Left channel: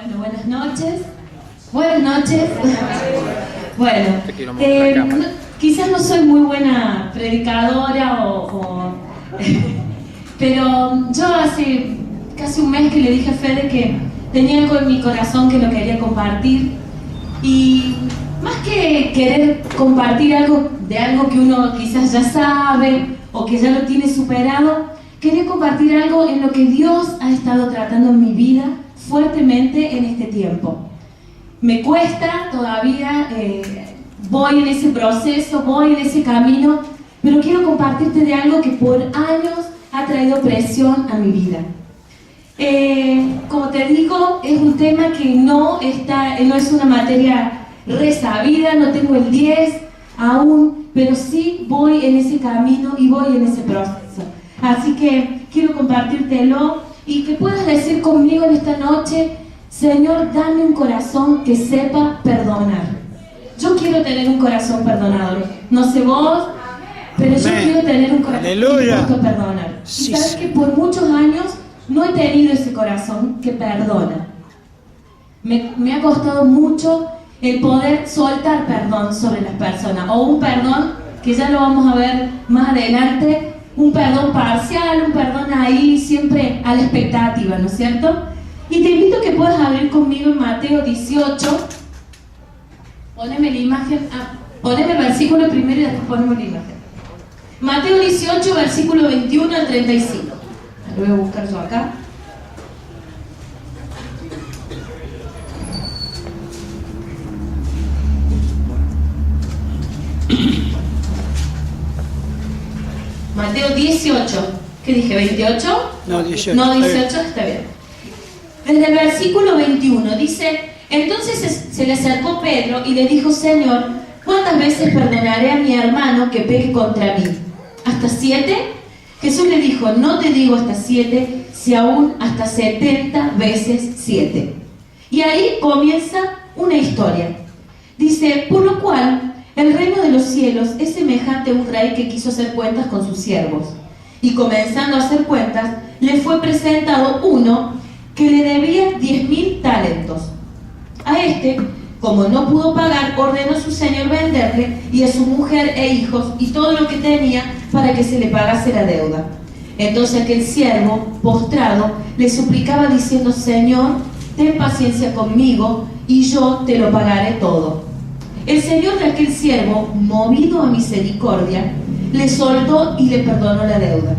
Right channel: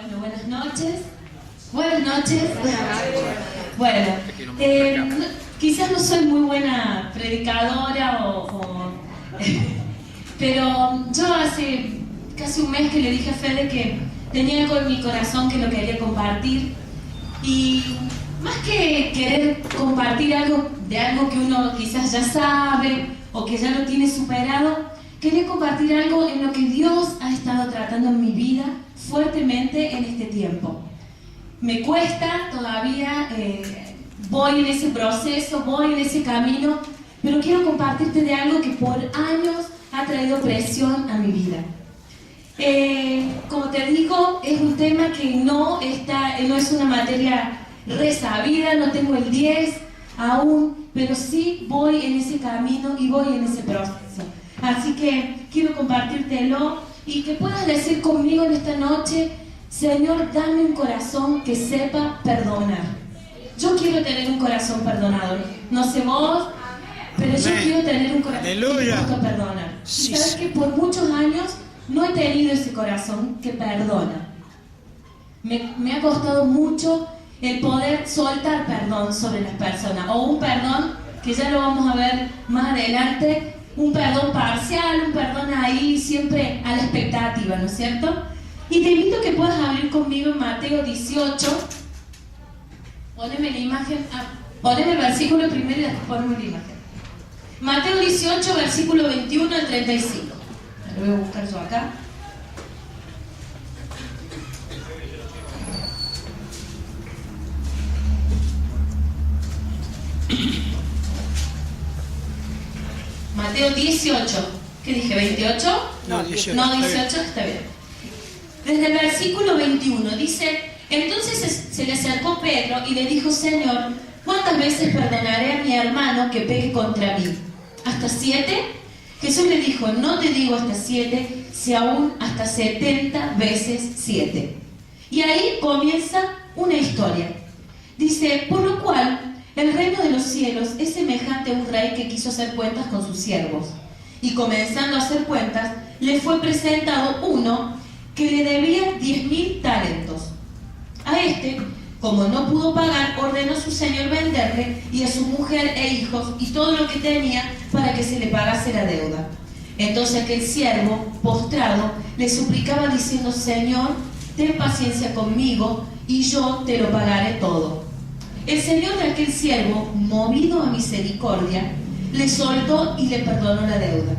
Bueno, buenas noches. Buenas noches. Bueno, quizás no soy muy buena predicadora pero yo hace casi un mes que le dije a Fede que tenía algo en mi corazón que lo quería compartir, y más que querer compartir algo que uno quizás ya sabe o que ya lo tiene superado, quería compartir algo en lo que Dios ha estado tratando en mi vida fuertemente en este tiempo. Me cuesta todavía, voy en ese proceso, voy en ese camino, pero quiero compartirte de algo que por años ha traído presión a mi vida. Como te digo, es un tema que no es una materia resabida, no tengo el 10 aún, pero sí voy en ese camino y voy en ese proceso. Así que quiero compartírtelo y que puedas decir conmigo en esta noche: Señor, dame un corazón que sepa perdonar. Yo quiero tener un corazón perdonador. No sé vos, pero yo quiero tener un corazón dispuesto a perdonar. Y sabes que por muchos años no he tenido ese corazón que perdona. Me ha costado mucho el poder soltar perdón sobre las personas, o un perdón que ya lo vamos a ver más adelante, un perdón parcial, un perdón ahí siempre a la expectativa, ¿no es cierto? Y te invito a que puedas abrir conmigo en Mateo 18. Poneme la imagen, poneme el versículo primero y después poneme la imagen. Mateo 18, versículo 21 al 35. Lo voy a buscar yo acá. Mateo 18. ¿Qué dije? ¿28? No, 18. No, 18, está bien. Desde el versículo 21 dice: entonces se le acercó Pedro y le dijo: Señor, ¿cuántas veces perdonaré a mi hermano que peque contra mí? ¿Hasta 7? Jesús le dijo: no te digo hasta 7, si aún hasta 70 veces 7. Y ahí comienza una historia. Dice: por lo cual el reino de los cielos es semejante a un rey que quiso hacer cuentas con sus siervos. Y comenzando a hacer cuentas, le fue presentado uno que le debía 10.000 talentos. A este, como no pudo pagar, ordenó a su señor venderle y a su mujer e hijos y todo lo que tenía para que se le pagase la deuda. Entonces aquel siervo, postrado, le suplicaba diciendo: Señor, ten paciencia conmigo y yo te lo pagaré todo. El señor de aquel siervo, movido a misericordia, le soltó y le perdonó la deuda.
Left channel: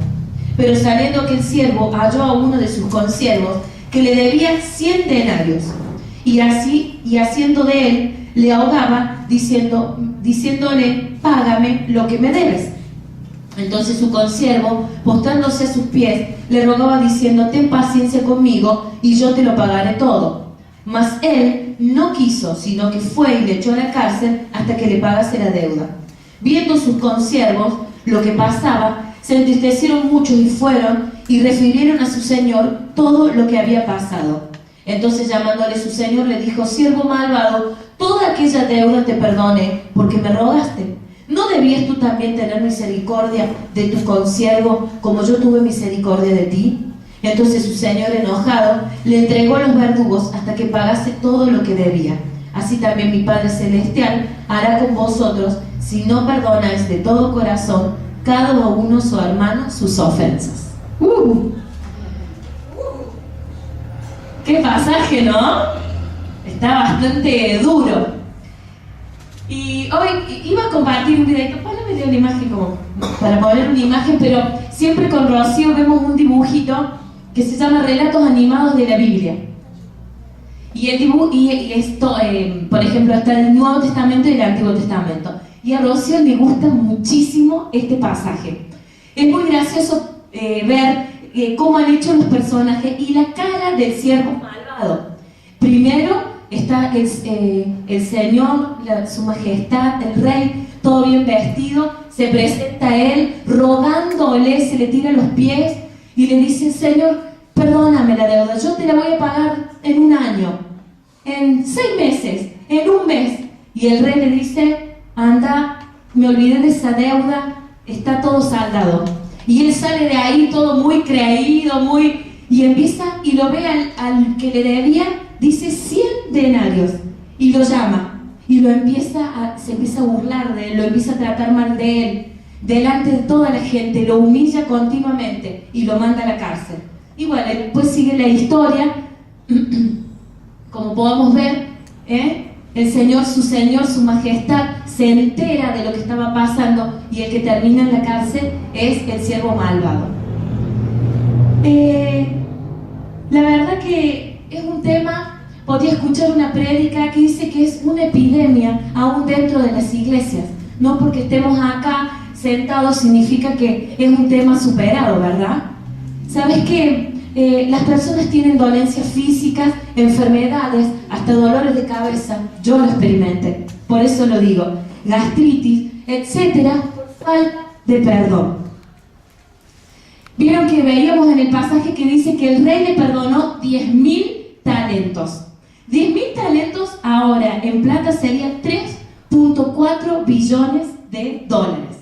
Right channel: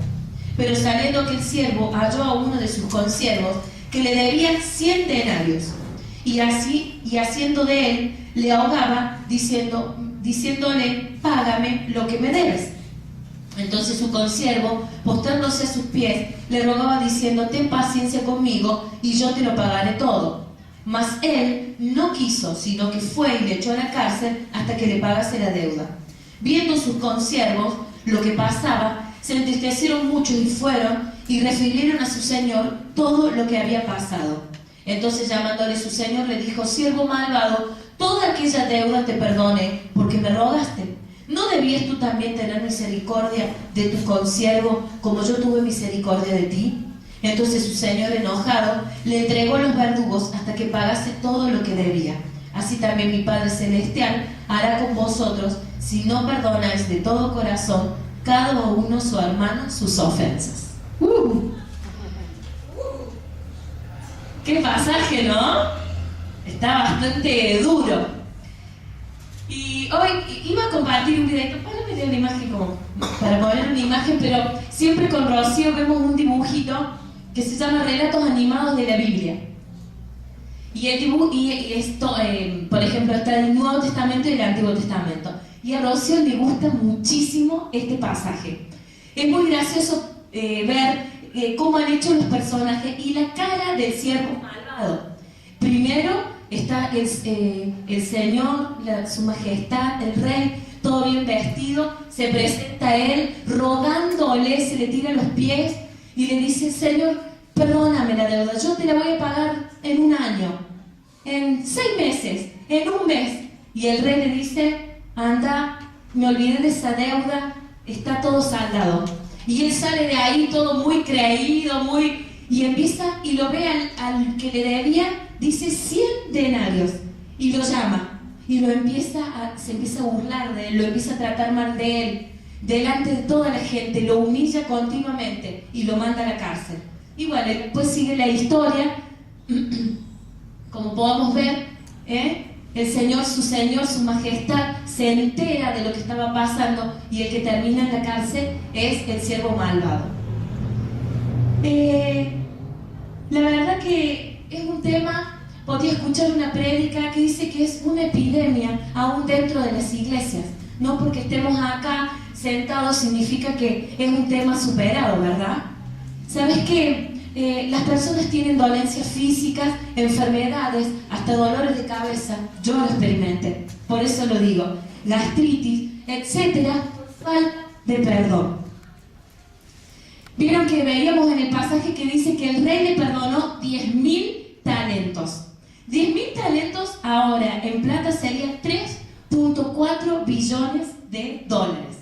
Pero saliendo aquel siervo, halló a uno de sus consiervos que le debía 100 denarios, y haciendo de él, le ahogaba, diciéndole: págame lo que me debes. Entonces su consiervo, postrándose a sus pies, le rogaba diciendo: ten paciencia conmigo y yo te lo pagaré todo. Mas él no quiso, sino que fue y le echó a la cárcel hasta que le pagase la deuda. Viendo sus consiervos lo que pasaba, se entristecieron mucho y fueron y refirieron a su señor todo lo que había pasado. Entonces, llamándole su señor, le dijo: siervo malvado, toda aquella deuda te perdoné porque me rogaste. ¿No debías tú también tener misericordia de tu consiervo como yo tuve misericordia de ti? Entonces su señor, enojado, le entregó a los verdugos hasta que pagase todo lo que debía. Así también mi Padre Celestial hará con vosotros si no perdonáis de todo corazón cada uno su hermano sus ofensas. ¡Qué pasaje!, ¿no? Está bastante duro. Y hoy iba a compartir un video. Ponle una imagen como para poner una imagen, pero siempre con Rocío vemos un dibujito que se llama Relatos Animados de la Biblia. Y esto, por ejemplo, está en el Nuevo Testamento y el Antiguo Testamento. Y a Rocío le gusta muchísimo este pasaje. Es muy gracioso ver cómo han hecho los personajes y la cara del siervo malvado. Primero está el Señor, su majestad, el rey, todo bien vestido, se presenta a él rogándole, se le tira a los pies y le dice: Señor, perdóname la deuda, yo te la voy a pagar en 1 año, en 6 meses, en 1 mes. Y el rey le dice: anda, me olvidé de esa deuda, está todo saldado. Y él sale de ahí todo muy creído, y empieza y lo ve al que le debía dice 100 denarios y lo llama y se empieza a burlar de él, lo empieza a tratar mal de él, delante de toda la gente, lo humilla continuamente y lo manda a la cárcel. Y bueno, después sigue la historia, como podemos ver, el Señor, su majestad, se entera de lo que estaba pasando y el que termina en la cárcel es el siervo malvado. La verdad que es un tema, podía escuchar una prédica que dice que es una epidemia aún dentro de las iglesias. No porque estemos acá sentados significa que es un tema superado, ¿verdad? ¿Sabes qué? Las personas tienen dolencias físicas, enfermedades, hasta dolores de cabeza. Yo lo experimenté, por eso lo digo. Gastritis, etcétera, por falta de perdón. Vieron que veíamos en el pasaje que dice que el rey le perdonó 10.000 talentos. 10.000 talentos ahora en plata serían 3.4 billones de dólares.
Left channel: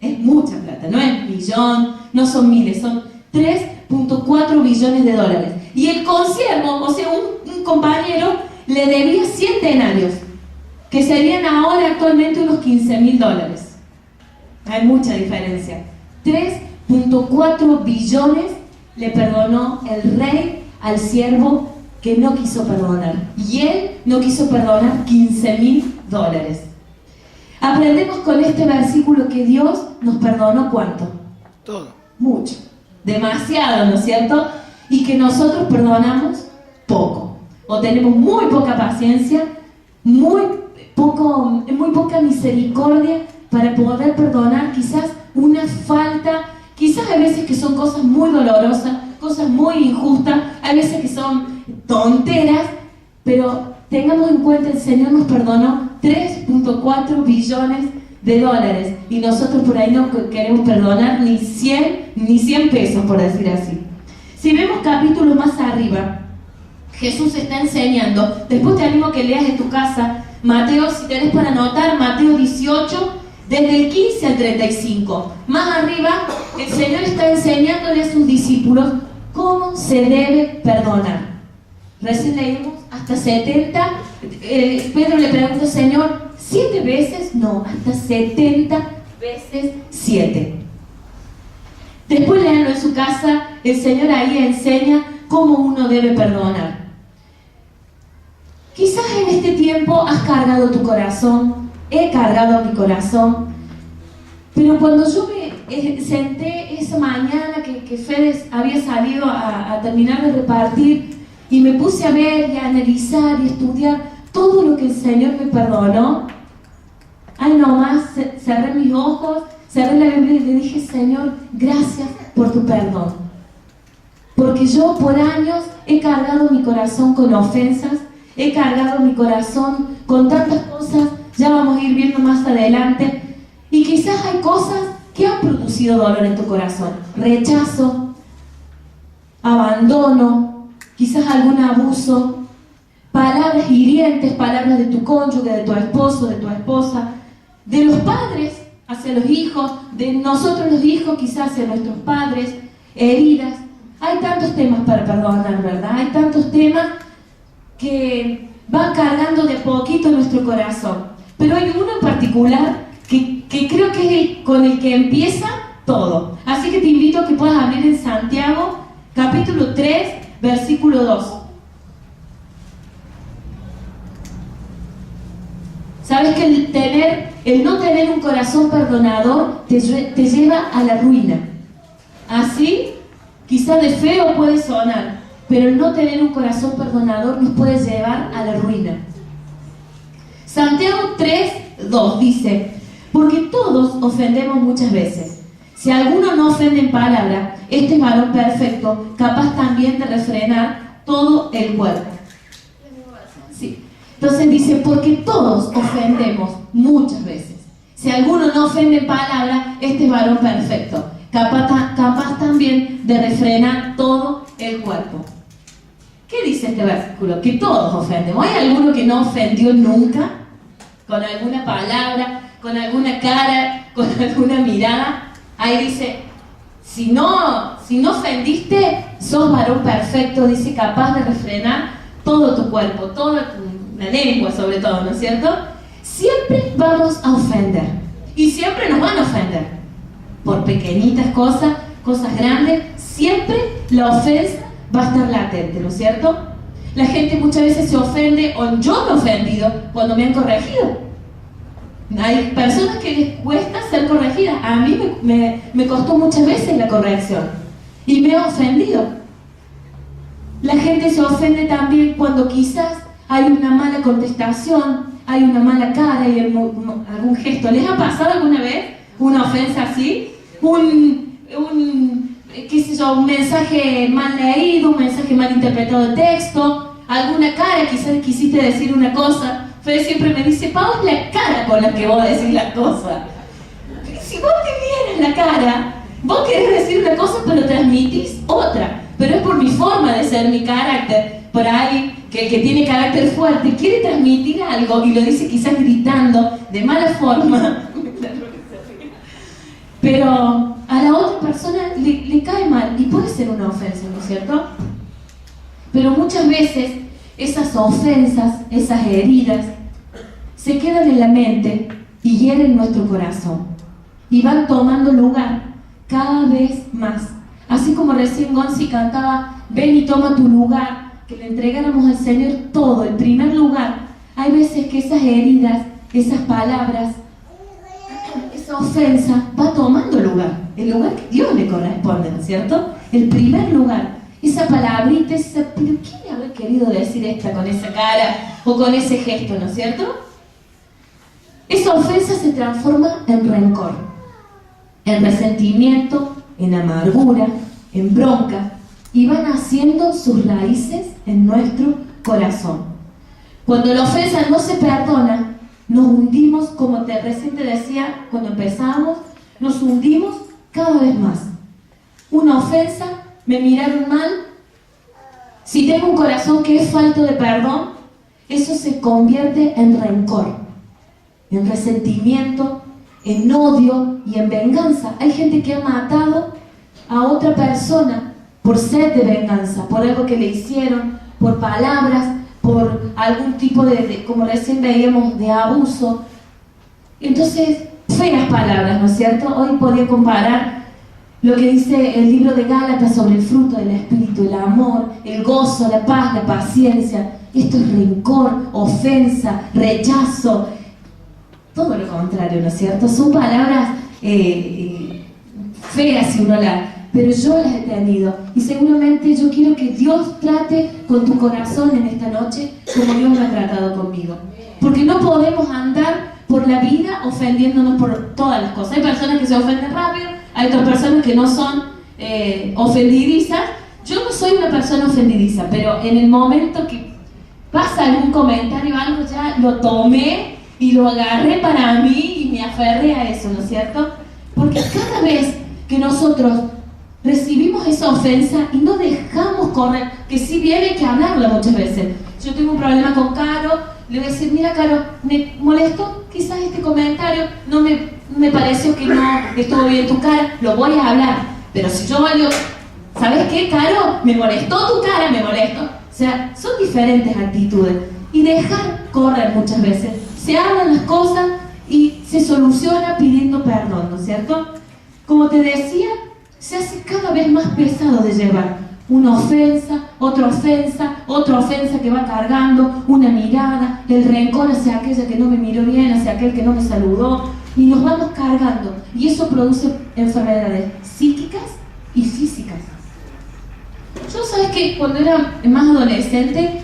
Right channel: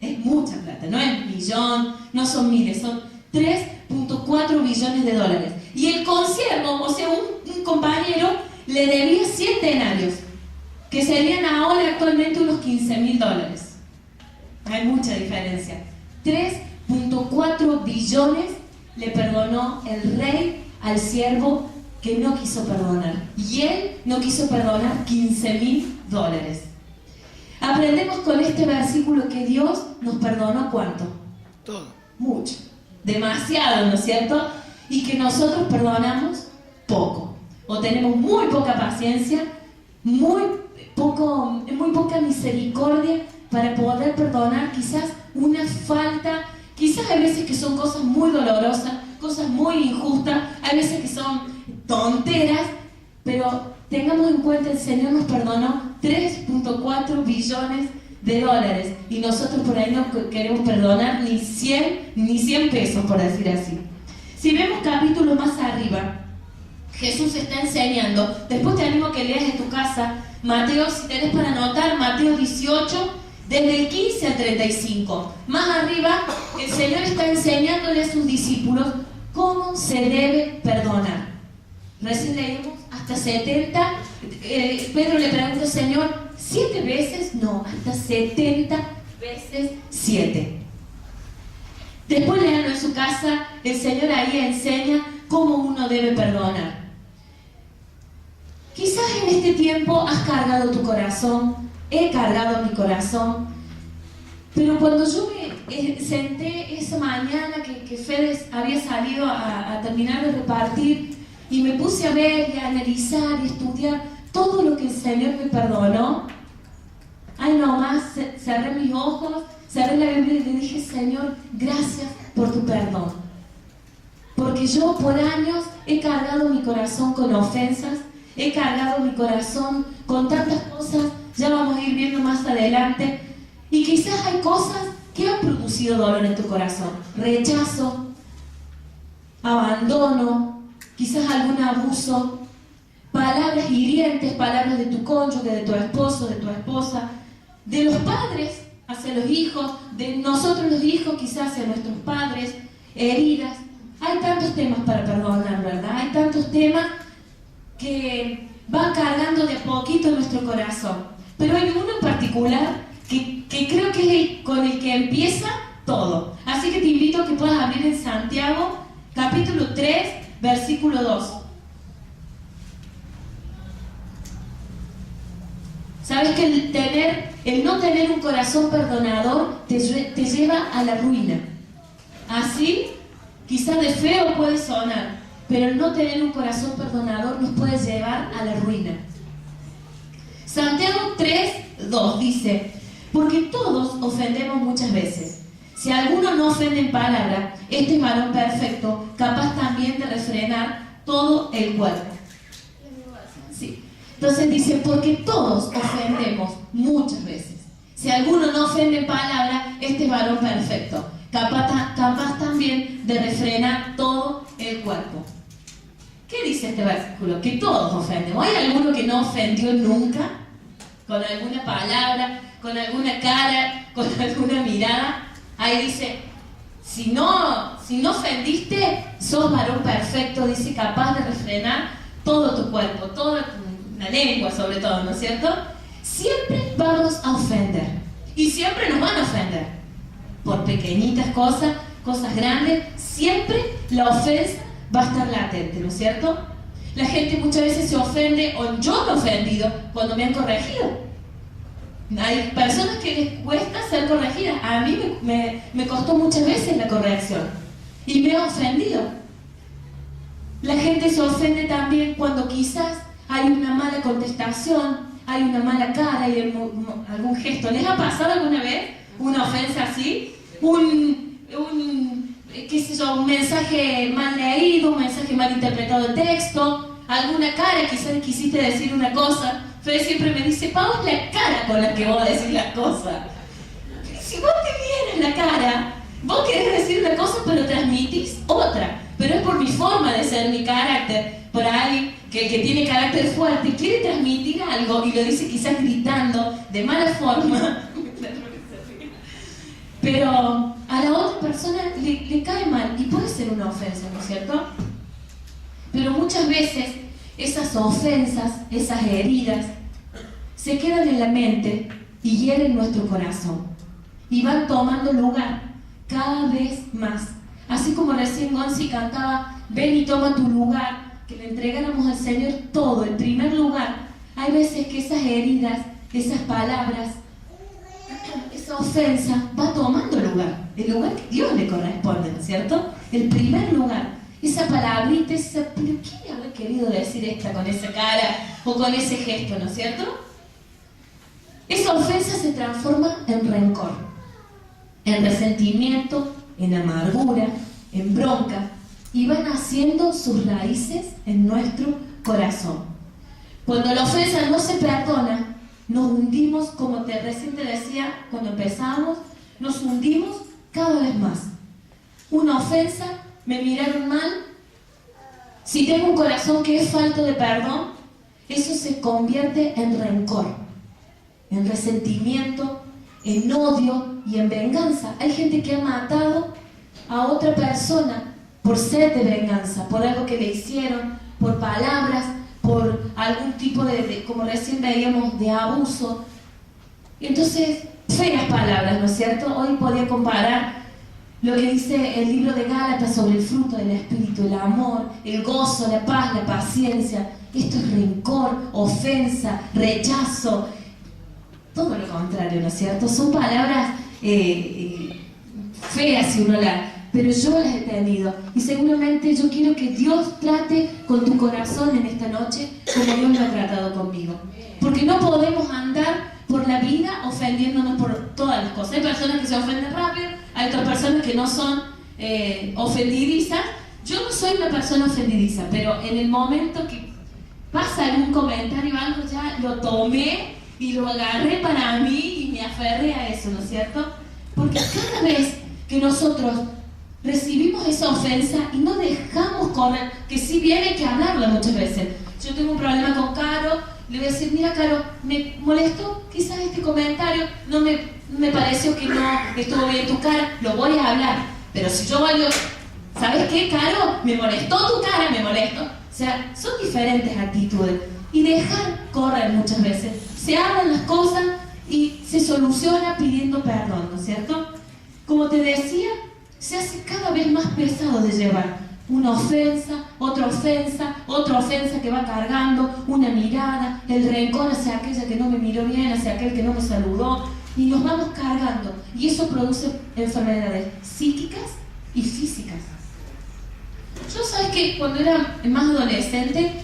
Es mucha plata, no es millón, no son miles, son 3.4 billones de dólares. Y el consiervo, o sea, un compañero, le debía 100 denarios, que serían ahora actualmente unos 15.000 dólares. Hay mucha diferencia. 3.4 billones le perdonó el rey al siervo que no quiso perdonar. Y él no quiso perdonar 15.000 dólares. Aprendemos con este versículo que Dios nos perdonó ¿cuánto? Todo. Mucho. Demasiado, ¿no es cierto? Y que nosotros perdonamos poco. O tenemos muy poca paciencia, muy poca misericordia para poder perdonar quizás una falta, quizás hay veces que son cosas muy dolorosas, cosas muy injustas, hay veces que son tonteras, pero tengamos en cuenta, el Señor nos perdonó 3.4 billones de dólares y nosotros por ahí no queremos perdonar ni 100 pesos, por decir así. Si vemos capítulos más arriba, Jesús está enseñando. Después te animo que leas en tu casa Mateo, si tenés para anotar, Mateo 18, desde el 15 al 35. Más arriba, el Señor está enseñándole a sus discípulos cómo se debe perdonar. Recién leímos hasta 70. Pedro le pregunta, Señor, 7 veces, no, hasta 70 veces 7. Después leanlo en su casa, el Señor ahí enseña cómo uno debe perdonar. Quizás en este tiempo has cargado tu corazón, he cargado mi corazón, pero cuando yo me senté esa mañana que Fede había salido a terminar de repartir y me puse a ver y a analizar y estudiar todo lo que el Señor me perdonó, ay nomás, cerré mis ojos, cerré la Biblia y le dije, Señor, gracias por tu perdón. Porque yo por años he cargado mi corazón con ofensas, he cargado mi corazón con tantas cosas, ya vamos a ir viendo más adelante, y quizás hay cosas que han producido dolor en tu corazón, rechazo, abandono, quizás algún abuso, palabras hirientes, palabras de tu cónyuge, de tu esposo, de tu esposa, de los padres hacia los hijos, de nosotros los hijos quizás hacia nuestros padres, heridas. Hay tantos temas para perdonar, ¿verdad? Hay tantos temas que van cargando de poquito nuestro corazón. Pero hay uno en particular que creo que es con el que empieza todo. Así que te invito a que puedas abrir en Santiago, capítulo 3, versículo 2. ¿Sabes que el no tener un corazón perdonador te lleva a la ruina? Así, quizás de feo puede sonar, pero el no tener un corazón perdonador nos puede llevar a la ruina. Santiago 3:2 dice, porque todos ofendemos muchas veces. Si alguno no ofende en palabra, este es varón perfecto, capaz también de refrenar todo el cuerpo. Sí. Entonces dice, porque todos ofendemos muchas veces. Si alguno no ofende en palabra, este es varón perfecto, capaz también de refrenar todo el cuerpo. ¿Qué dice este versículo? Que todos ofendemos. ¿Hay alguno que no ofendió nunca? Con alguna palabra, con alguna cara, con alguna mirada. Ahí dice, si no ofendiste, sos varón perfecto, dice, capaz de refrenar todo tu cuerpo, la lengua sobre todo, ¿no es cierto? Siempre vamos a ofender. Y siempre nos van a ofender. Por pequeñitas cosas, cosas grandes, siempre la ofensa va a estar latente, ¿no es cierto? La gente muchas veces se ofende, o yo me he ofendido cuando me han corregido. Hay personas que les cuesta ser corregidas. A mí me costó muchas veces la corrección y me he ofendido. La gente se ofende también cuando quizás hay una mala contestación, hay una mala cara, hay algún gesto. ¿Les ha pasado alguna vez una ofensa así? Qué sé yo, un mensaje mal leído, un mensaje mal interpretado de texto, alguna cara, quizás quisiste decir una cosa. Fede siempre me dice, Pau, es la cara con la que vos decís la cosa. Si vos te vieras la cara, vos querés decir una cosa pero transmitís otra. Pero es por mi forma de ser, mi carácter. Por alguien que tiene carácter fuerte, quiere transmitir algo y lo dice quizás gritando, de mala forma. Pero a la otra persona le cae mal y puede ser una ofensa, ¿no es cierto? Pero muchas veces esas ofensas, esas heridas, se quedan en la mente y hieren nuestro corazón. Y van tomando lugar cada vez más. Así como recién Gonzi cantaba, ven y toma tu lugar, que le entregáramos al Señor todo, en primer lugar. Hay veces que esas heridas, esas palabras, esa ofensa va tomando lugar, el lugar que Dios le corresponde, ¿no es cierto? El primer lugar. Esa palabrita, pero ¿quién le habrá querido decir esta con esa cara o con ese gesto, ¿no es cierto? Esa ofensa se transforma en rencor, en resentimiento, en amargura, en bronca, y van haciendo sus raíces en nuestro corazón. Cuando la ofensa no se perdona, nos hundimos, como recién te decía cuando empezamos, nos hundimos cada vez más. Una ofensa, me miraron mal, si tengo un corazón que es falto de perdón, eso se convierte en rencor, en resentimiento, en odio y en venganza. Hay gente que ha matado a otra persona por sed de venganza, por algo que le hicieron, por palabras, por algún tipo como recién veíamos, de abuso. Entonces, feas palabras, ¿no es cierto? Hoy podía comparar lo que dice el libro de Gálatas sobre el fruto del Espíritu, el amor, el gozo, la paz, la paciencia. Esto es rencor, ofensa, rechazo, todo lo contrario, ¿no es cierto? Son palabras feas si uno pero yo las he tenido y seguramente yo quiero que Dios trate con tu corazón en esta noche como Dios lo ha tratado conmigo, porque no podemos andar por la vida ofendiéndonos por todas las cosas. Hay personas que se ofenden rápido, hay otras personas que no son ofendidizas. Yo no soy una persona ofendidiza, pero en el momento que pasa algún comentario o algo, ya lo tomé y lo agarré para mí y me aferré a eso, ¿no es cierto? Porque cada vez que nosotros recibimos esa ofensa y no dejamos correr, que sí viene que hablarla muchas veces. Yo tengo un problema con Caro, le voy a decir, mira Caro, me molestó quizás este comentario, no me pareció que no estuvo bien tu cara, lo voy a hablar. Pero si yo valgo, ¿sabes qué, Caro? Me molestó tu cara, me molestó. O sea, son diferentes actitudes. Y dejar correr muchas veces. Se hablan las cosas y se soluciona pidiendo perdón, ¿no es cierto? Como te decía, se hace cada vez más pesado de llevar. Una ofensa, otra ofensa que va cargando, una mirada, el rencor hacia aquella que no me miró bien, hacia aquel que no me saludó, y nos vamos cargando. Y eso produce enfermedades psíquicas y físicas. Yo, ¿sabes qué? Cuando era más adolescente,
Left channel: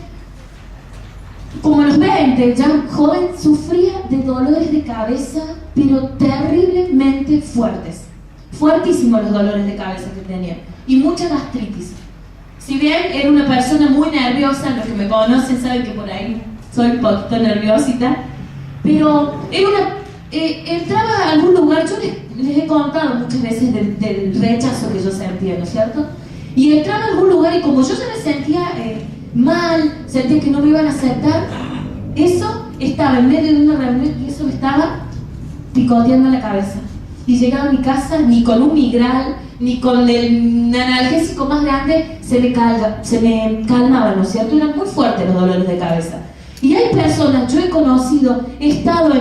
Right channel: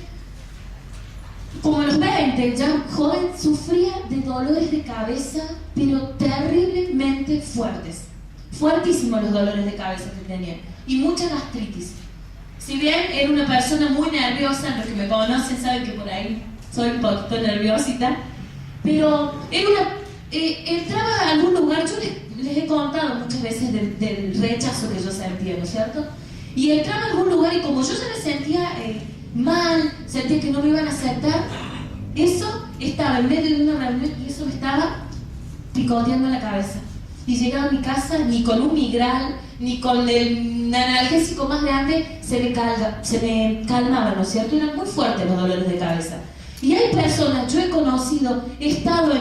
como a los 20, ya joven, sufría de dolores de cabeza, pero terriblemente fuertes. Fuertísimos los dolores de cabeza que tenía. Y mucha gastritis. Si bien era una persona muy nerviosa, los que me conocen saben que por ahí soy un poquito nerviosita, pero entraba a algún lugar, yo les he contado muchas veces del rechazo que yo sentía, ¿no es cierto? Y entraba a algún lugar y como yo ya me sentía mal, sentía que no me iban a aceptar, eso estaba en medio de una reunión y eso me estaba picoteando la cabeza. y llegaba a mi casa ni con un migral, ni con el analgésico más grande se me calmaba, ¿no es cierto? Eran muy fuertes los dolores de cabeza. Y hay personas, yo he conocido, he estado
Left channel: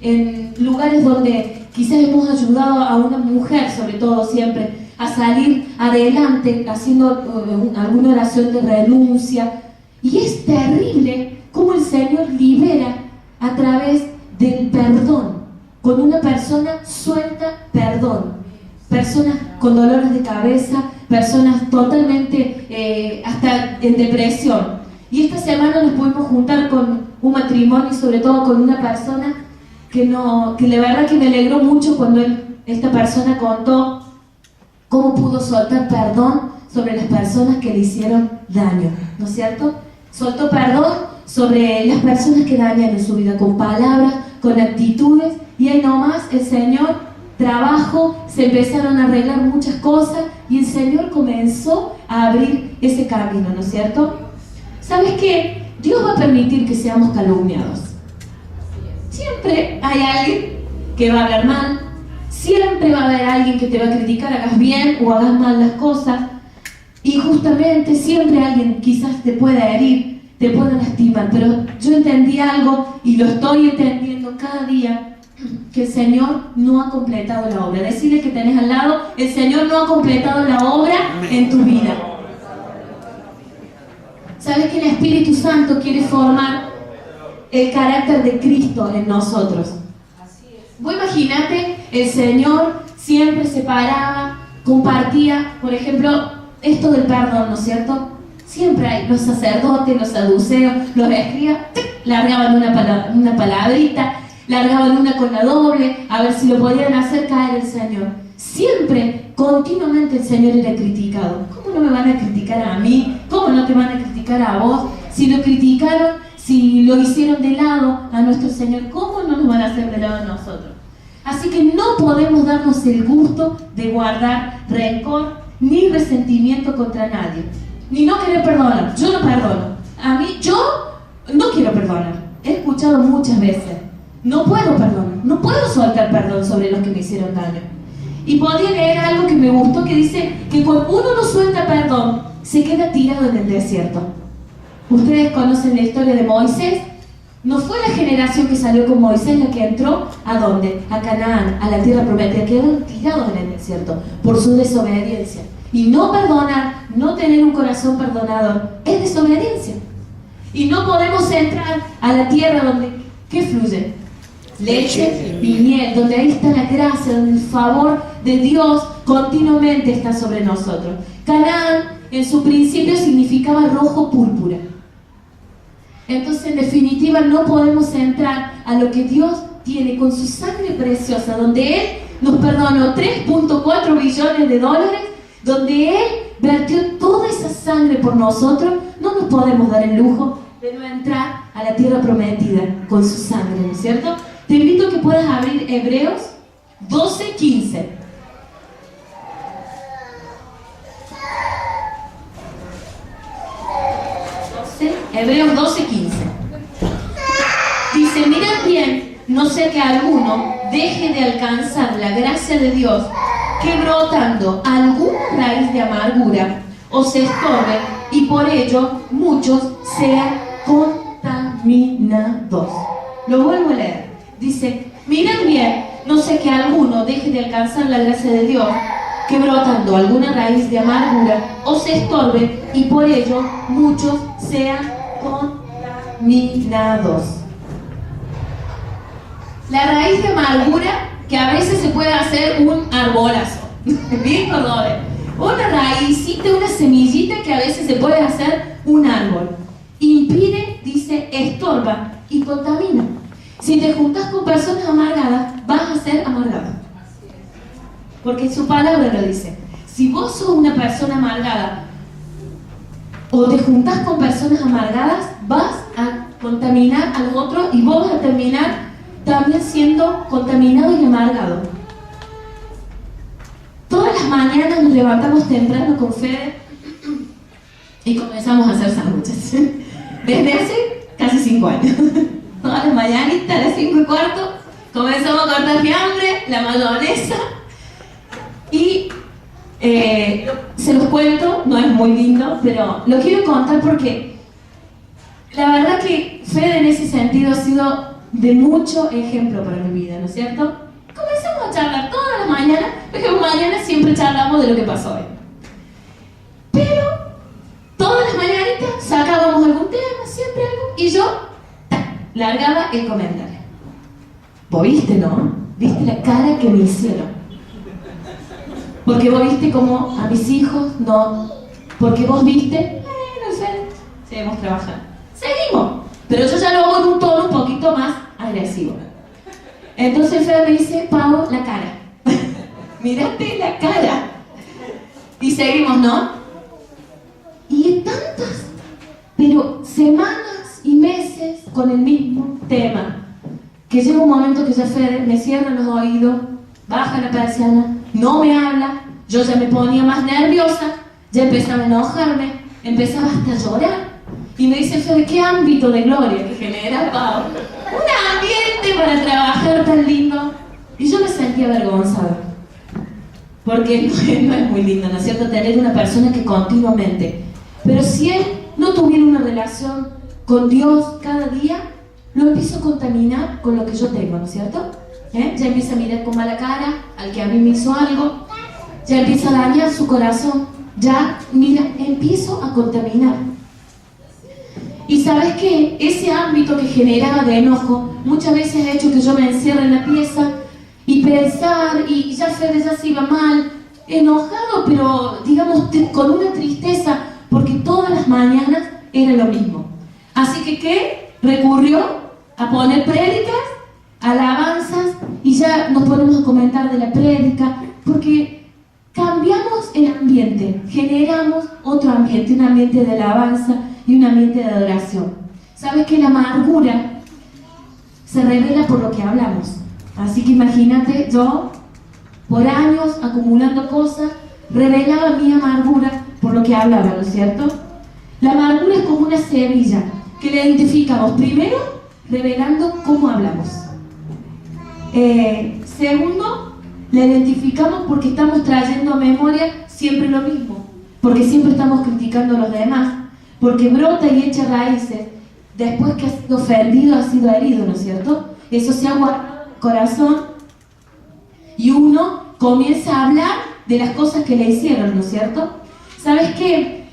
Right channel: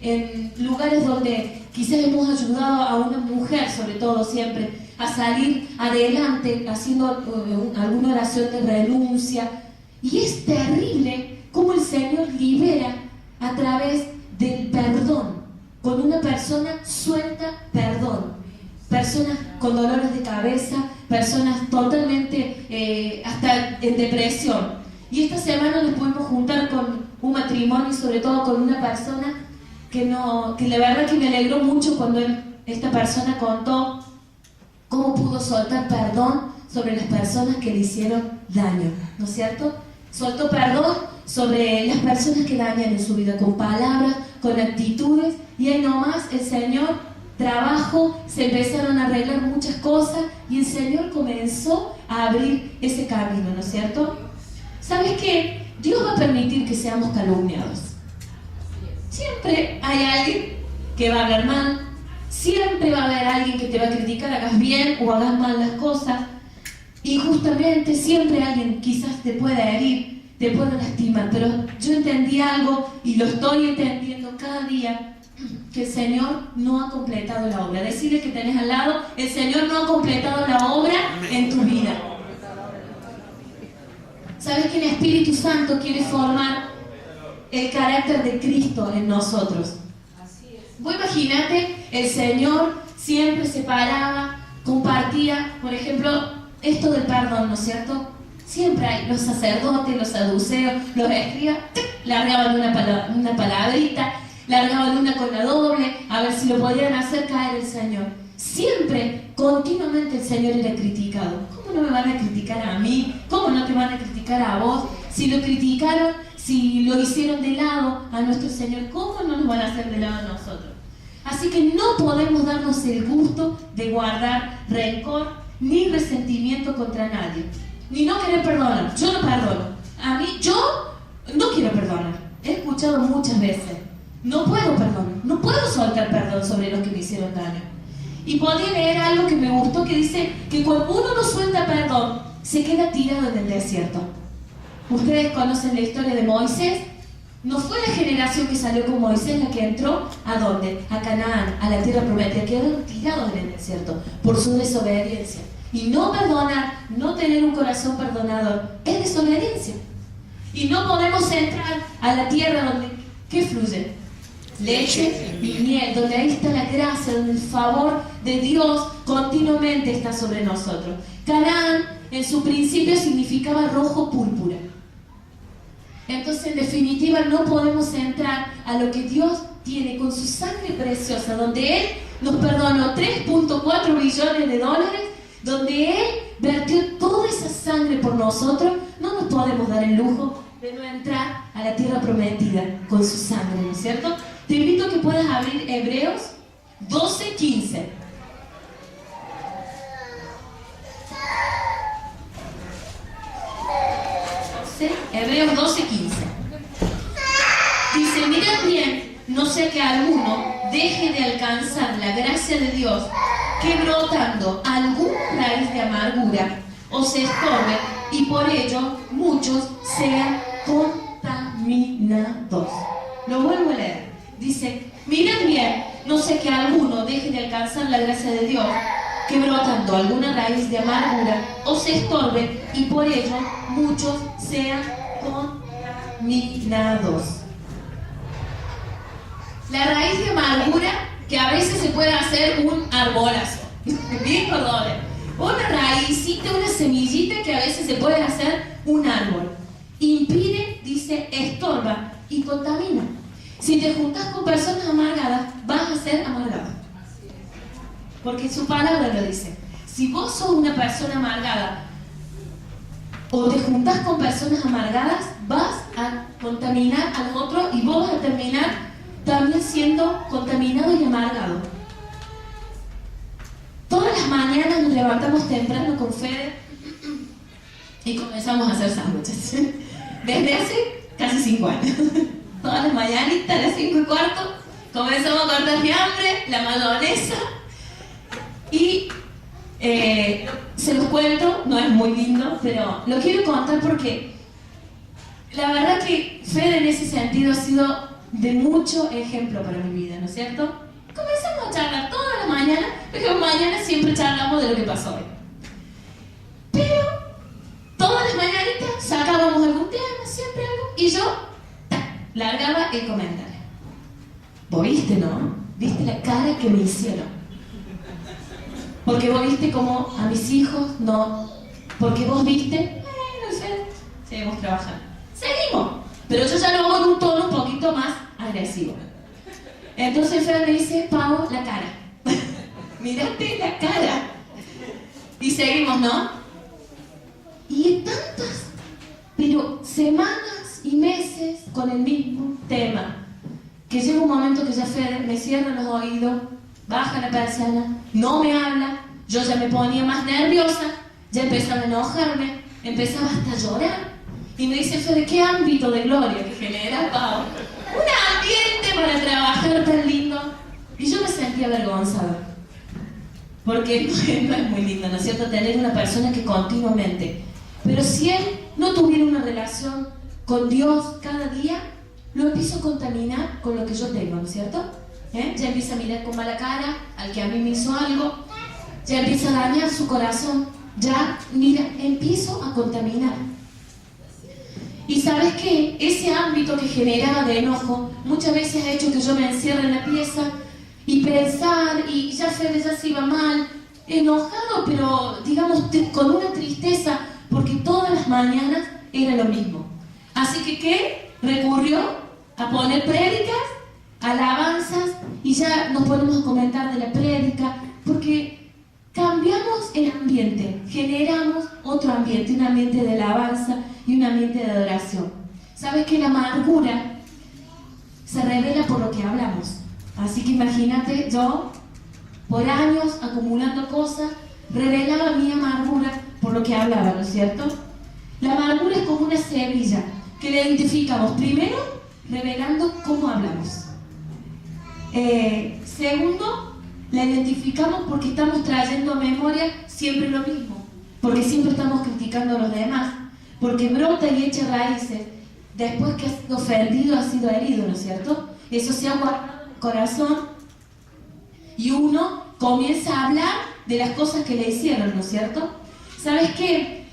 en lugares donde quizás hemos ayudado a una mujer, sobre todo siempre, a salir adelante haciendo alguna oración de renuncia. Y es terrible cómo el Señor libera a través del perdón. Cuando una persona suelta perdón. Personas con dolores de cabeza, personas totalmente hasta en depresión. Y esta semana nos pudimos juntar con un matrimonio y sobre todo con una persona que la verdad que me alegró mucho cuando esta persona contó cómo pudo soltar perdón sobre las personas que le hicieron daño, ¿no es cierto? Soltó perdón sobre las personas que dañan en su vida, con palabras, con actitudes, y ahí nomás el Señor trabajo, se empezaron a arreglar muchas cosas y el Señor comenzó a abrir ese camino, ¿no es cierto? ¿Sabes qué? Dios va a permitir que seamos calumniados. Siempre hay alguien que va a hablar mal, siempre va a haber alguien que te va a criticar, hagas bien o hagas mal las cosas, y justamente siempre alguien quizás te pueda herir, te pueda lastimar, pero yo entendí algo y lo estoy entendiendo cada día, que el Señor no ha completado la obra. Decirle que tenés al lado, el Señor no ha completado la obra en tu vida. ¿Sabes que el Espíritu Santo quiere formar el carácter de Cristo en nosotros? Vos imaginate, el Señor siempre se paraba, compartía, por ejemplo, esto del perdón, ¿no es cierto? Siempre hay los sacerdotes, los saduceos, los escribas, largaban una palabrita, largaban una con la doble, a ver si lo podían hacer caer el Señor. Siempre, continuamente el Señor era criticado. ¿Cómo no me van a criticar a mí? ¿Cómo no te van a criticar a vos? Si lo criticaron, si lo hicieron de lado a nuestro Señor, ¿cómo no nos van a hacer de lado a nosotros? Así que no podemos darnos el gusto de guardar rencor ni resentimiento contra nadie, ni no querer perdonar. Yo no perdono. A mí, yo no quiero perdonar. He escuchado muchas veces. No puedo perdonar, no puedo soltar perdón sobre los que me hicieron daño. Y podría leer algo que me gustó que dice que cuando uno no suelta perdón, se queda tirado en el desierto. Ustedes conocen la historia de Moisés. No fue la generación que salió con Moisés la que entró, ¿a dónde? A Canaán, a la tierra prometida. Quedaron tirados en el desierto por su desobediencia. Y no perdonar, no tener un corazón perdonador, es desobediencia. Y no podemos entrar a la tierra donde, ¿qué fluye? Leche y miel, donde ahí está la gracia, donde el favor de Dios continuamente está sobre nosotros. Canaán, en su principio, significaba rojo púrpura. Entonces, en definitiva, no podemos entrar a lo que Dios tiene con su sangre preciosa, donde Él nos perdonó 3.4 billones de dólares, donde Él vertió toda esa sangre por nosotros. No nos podemos dar el lujo de no entrar a la tierra prometida con su sangre, ¿no es cierto? Te invito a que puedas abrir Hebreos 12:15. Hebreos 12:15. Dice, mirad bien, no sea que alguno deje de alcanzar la gracia de Dios, que brotando alguna raíz de amargura os estorbe, y por ello muchos sean contaminados. Lo vuelvo a leer. Dice, mirad bien, no sea que alguno deje de alcanzar la gracia de Dios, que brotando alguna raíz de amargura os estorbe, y por ello muchos sean contaminados. La raíz de amargura, que a veces se puede hacer un arbolazo, bien colores, una raícita, una semillita que a veces se puede hacer un árbol. Impide, dice, estorba y contamina. Si te juntas con personas amargadas, vas a ser amargado. Porque su palabra lo dice. Si vos sos una persona amargada o te juntas con personas amargadas, vas a contaminar al otro y vos vas a terminar también siendo contaminado y amargado. Todas las mañanas nos levantamos temprano con Fede y comenzamos a hacer sándwiches. Desde hace casi 5 años. Todas las mañanitas a las 5:15 Comenzamos a cortar fiambre, la mayonesa. Y se los cuento, no es muy lindo, pero lo quiero contar porque la verdad que Fede en ese sentido ha sido de mucho ejemplo para mi vida, ¿no es cierto? Comenzamos a charlar todas las mañanas, porque mañana siempre charlamos de lo que pasó hoy. Pero todas las mañanitas sacábamos algún tema, siempre algo, y yo largaba el comentario. Vos viste, ¿no? ¿Viste la cara que me hicieron? Porque vos viste como a mis hijos, no. Porque vos viste, no sé, seguimos trabajando. Seguimos. Pero yo ya lo hago en un tono un poquito más agresivo. Entonces Fred me dice, Pau, la cara. Mírate la cara. Y seguimos, ¿no? Y tantas, pero semanas y meses con el mismo tema. Que llega un momento que ya Fede me cierra los oídos, baja la persiana, no me habla, yo ya me ponía más nerviosa, ya empezaba a enojarme, empezaba hasta a llorar. Y me dice Fede, ¿qué ámbito de gloria que genera, Pau? Un ambiente para trabajar tan lindo. Y yo me sentía avergonzada. Porque no es muy lindo, ¿no es cierto? Tener una persona que continuamente. Pero si él no tuviera una relación con Dios cada día, lo empiezo a contaminar con lo que yo tengo, ¿no es cierto? Ya empieza a mirar con mala cara al que a mí me hizo algo, ya empieza a dañar su corazón, ya, mira, empiezo a contaminar. Y ¿sabes qué? Ese ámbito que generaba de enojo muchas veces ha hecho que yo me encierre en la pieza y pensar, y ya Fede ya se iba mal, enojado, pero digamos con una tristeza, porque todas las mañanas era lo mismo. Así que, ¿qué? Recurrió a poner prédicas, alabanzas, y ya nos ponemos a comentar de la prédica, porque cambiamos el ambiente, generamos otro ambiente, un ambiente de alabanza y un ambiente de adoración. ¿Sabes que la amargura se revela por lo que hablamos? Así que imagínate, yo, por años acumulando cosas, revelaba mi amargura por lo que hablaba, ¿no es cierto? La amargura es como una semilla que la identificamos primero revelando cómo hablamos. Segundo, la identificamos porque estamos trayendo a memoria siempre lo mismo, porque siempre estamos criticando a los demás, porque brota y echa raíces después que ha sido ofendido, ha sido herido, ¿no es cierto? Eso se ha guardado en el corazón y uno comienza a hablar de las cosas que le hicieron, ¿no es cierto? ¿Sabes qué?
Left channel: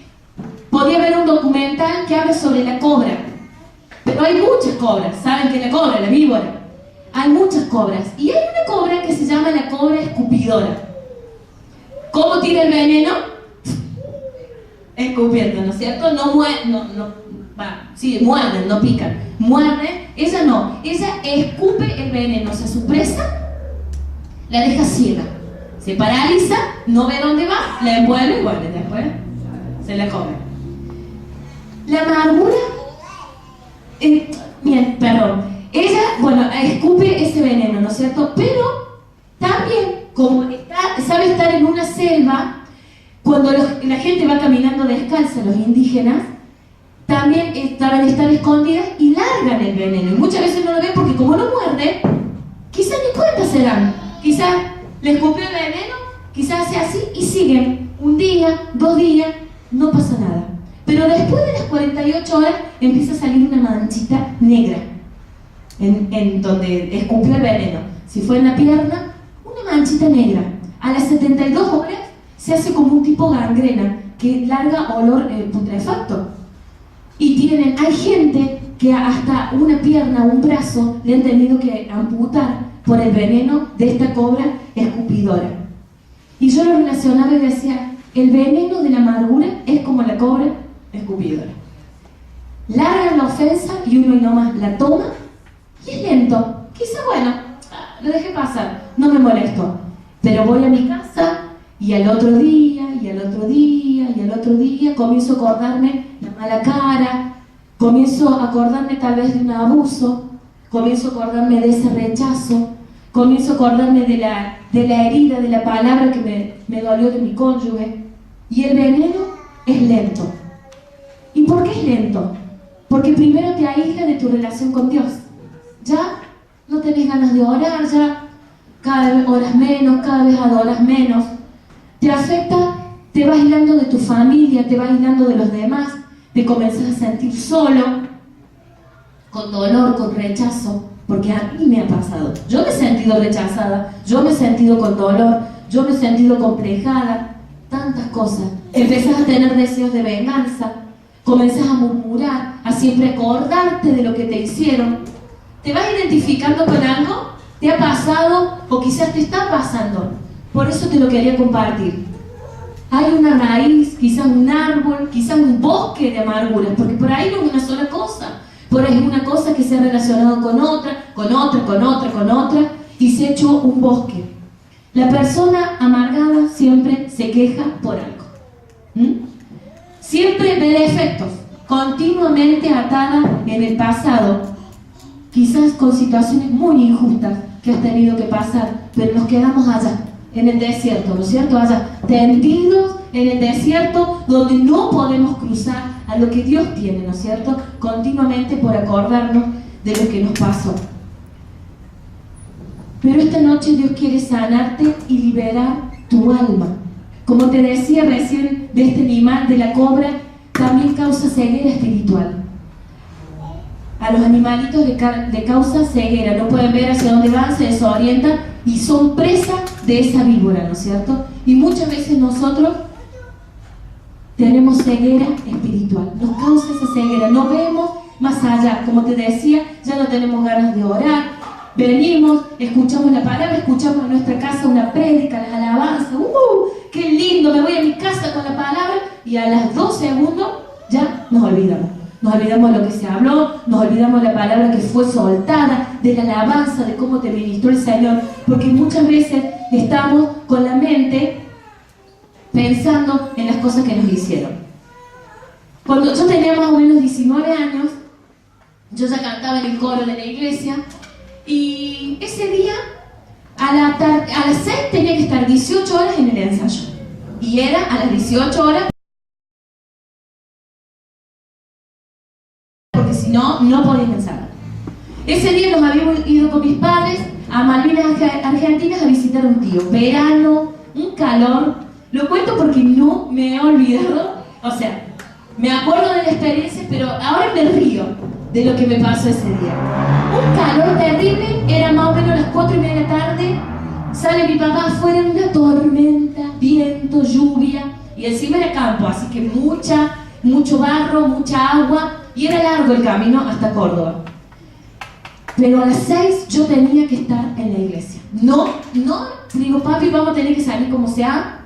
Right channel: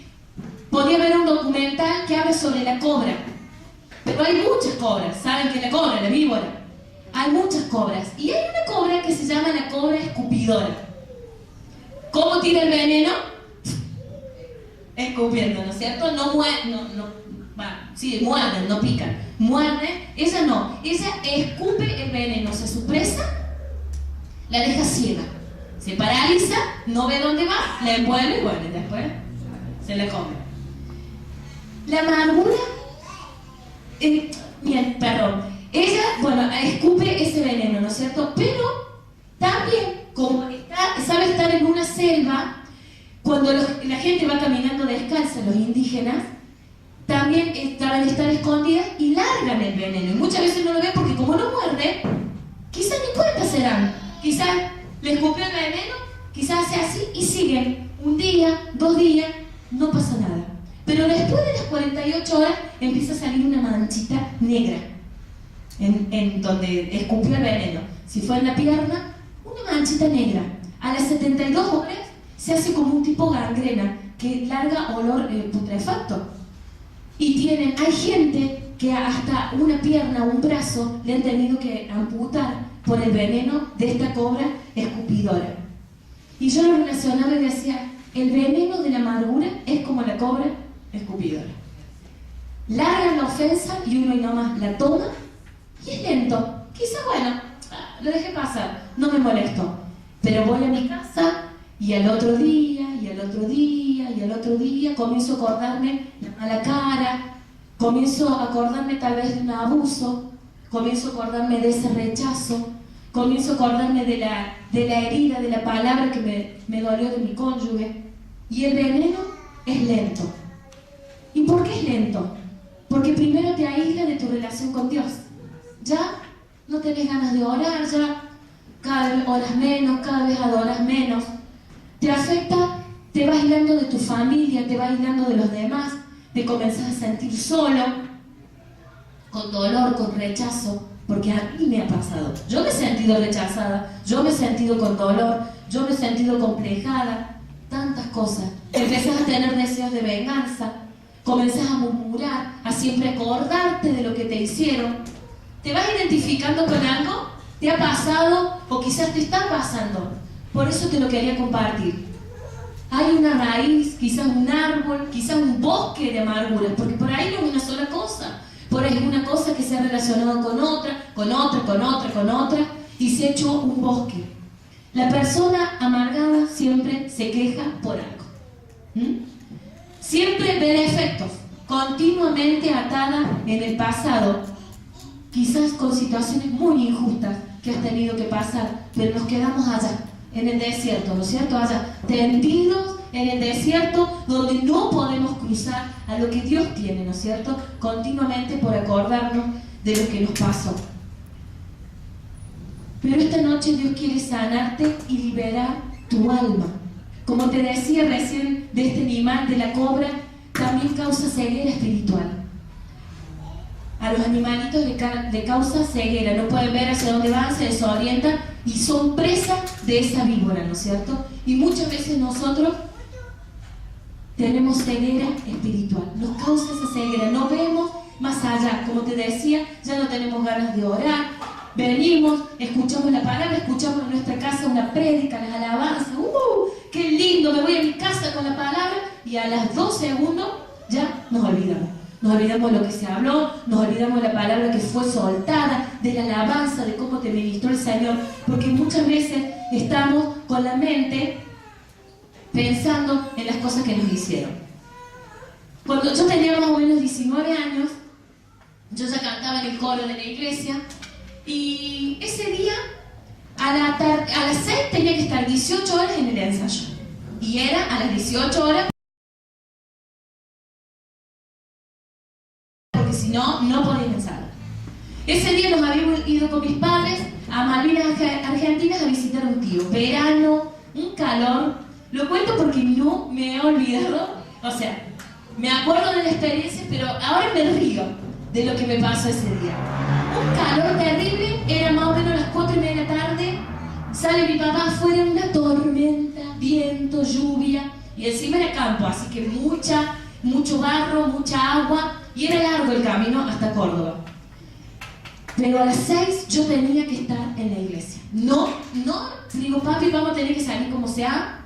Podría haber un documental que hable sobre la cobra, pero hay muchas cobras. ¿Saben que la cobra, la víbora? Hay muchas cobras, y hay una cobra que se llama la cobra escupidora. ¿Cómo tira el veneno? Escupiendo, ¿no es cierto? No muerde, sí, muerden, no pican. Muerde, ella no, ella escupe el veneno, o sea, su presa la deja ciega, se paraliza, no ve dónde va, la envuelve y bueno, después se la come. La amargura, ella, bueno, escupe ese veneno, ¿no es cierto? Pero también, como sabe estar en una selva, cuando la gente va caminando descalza, los indígenas, también saben estar escondidas y largan el veneno. Y muchas veces no lo ven porque como no muerde, quizás ni cuenta se dan. Quizás le escupió el veneno, quizás hace así y siguen. Un día, 2 días, no pasa nada. Pero después de las 48 horas empieza a salir una manchita negra en donde escupió el veneno. Si fue en la pierna, una manchita negra. A las 72 horas se hace como un tipo gangrena que larga olor putrefacto. Y hay gente que hasta una pierna o un brazo le han tenido que amputar por el veneno de esta cobra escupidora. Y yo lo relacionaba y decía, el veneno de la amargura es como la cobra escupidora. Larga la ofensa y uno y nomás la toma y es lento. Quizá, bueno, lo dejé pasar, no me molesto. Pero voy a mi casa y al otro día, y al otro día, y al otro día comienzo a acordarme la mala cara, comienzo a acordarme tal vez de un abuso, comienzo a acordarme de ese rechazo, comienzo a acordarme de la herida, de la palabra que me dolió de mi cónyuge. Y el veneno es lento. ¿Y por qué es lento? Porque primero te aísla de tu relación con Dios. Ya no tenés ganas de orar ya, cada vez oras menos, cada vez adoras menos. Te afecta, te vas aislando de tu familia, te vas aislando de los demás, te comenzás a sentir solo, con dolor, con rechazo, porque a mí me ha pasado. Yo me he sentido rechazada, yo me he sentido con dolor, yo me he sentido complejada, tantas cosas. Empezás a tener deseos de venganza, comenzás a murmurar, a siempre acordarte de lo que te hicieron. ¿Te vas identificando con algo? ¿Te ha pasado o quizás te está pasando? Por eso te lo quería compartir. Hay una raíz, quizás un árbol, quizás un bosque de amarguras, porque por ahí no es una sola cosa. Por ahí es una cosa que se ha relacionado con otra, con otra, con otra, con otra, y se ha hecho un bosque. La persona amargada siempre se queja por algo. Siempre ve defectos, continuamente atada en el pasado, quizás con situaciones muy injustas que has tenido que pasar, pero nos quedamos allá, en el desierto, ¿no es cierto? Allá, tendidos en el desierto, donde no podemos cruzar a lo que Dios tiene, ¿no es cierto? Continuamente por acordarnos de lo que nos pasó. Pero esta noche Dios quiere sanarte y liberar tu alma. Como te decía recién, de este animal, de la cobra, también causa ceguera espiritual. A los animalitos le causa ceguera, no pueden ver hacia dónde van, se desorientan y son presa de esa víbora, ¿no es cierto? Y muchas veces nosotros tenemos ceguera espiritual, nos causa esa ceguera, no vemos más allá. Como te decía, ya no tenemos ganas de orar, venimos, escuchamos la palabra, escuchamos en nuestra casa una prédica, las alabanzas, ¡qué lindo! Me voy a mi casa con la palabra y a las 2 segundos ya nos olvidamos. Nos olvidamos de lo que se habló, nos olvidamos de la palabra que fue soltada, de la alabanza, de cómo te ministró el Señor, porque muchas veces estamos con la mente pensando en las cosas que nos hicieron. Cuando yo tenía más o menos 19 años, yo ya cantaba en el coro de la iglesia, y ese día a las 6 tenía que estar 18 horas en el ensayo, y era a las 18 horas, porque si no, no podía ensayar. Ese día nos habíamos ido con mis padres a Malvinas Argentinas a visitar a un tío. Verano, un calor. Lo cuento porque no me he olvidado. O sea, me acuerdo de la experiencia, pero ahora me río de lo que me pasó ese día. Un calor terrible, era más o menos las 4:30 de la tarde. Sale mi papá afuera en una tormenta, viento, lluvia, y encima era campo, así que mucho barro, mucha agua, y era largo el camino hasta Córdoba. Pero a las 6 yo tenía que estar en la iglesia. No, digo, papi, vamos a tener que salir como sea,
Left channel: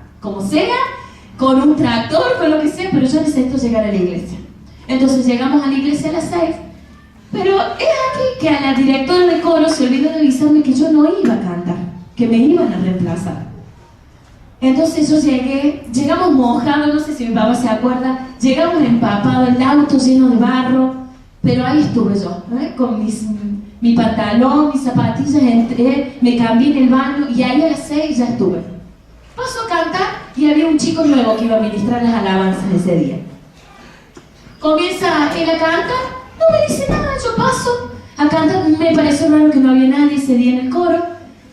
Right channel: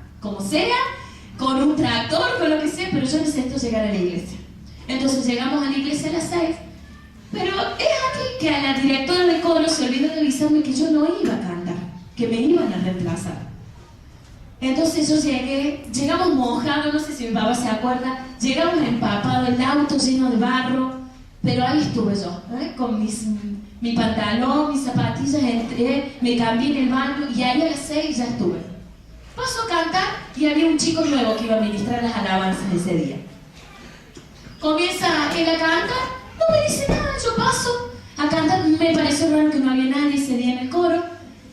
con un tractor, con lo que sea, pero yo necesito llegar a la iglesia. Entonces llegamos a la iglesia a las 6, pero es aquí que a la directora de coro se olvidó de avisarme que yo no iba a cantar, que me iban a reemplazar. Entonces yo llegamos mojados, no sé si mi papá se acuerda, llegamos empapados, el auto lleno de barro, pero ahí estuve yo, con mi pantalón, mis zapatillas, entré, me cambié en el baño y ahí a las 6 ya estuve. Paso a cantar y había un chico nuevo que iba a ministrar las alabanzas ese día. Comienza él a cantar, no me dice nada, yo paso a cantar, me pareció raro que no había nadie ese día en el coro,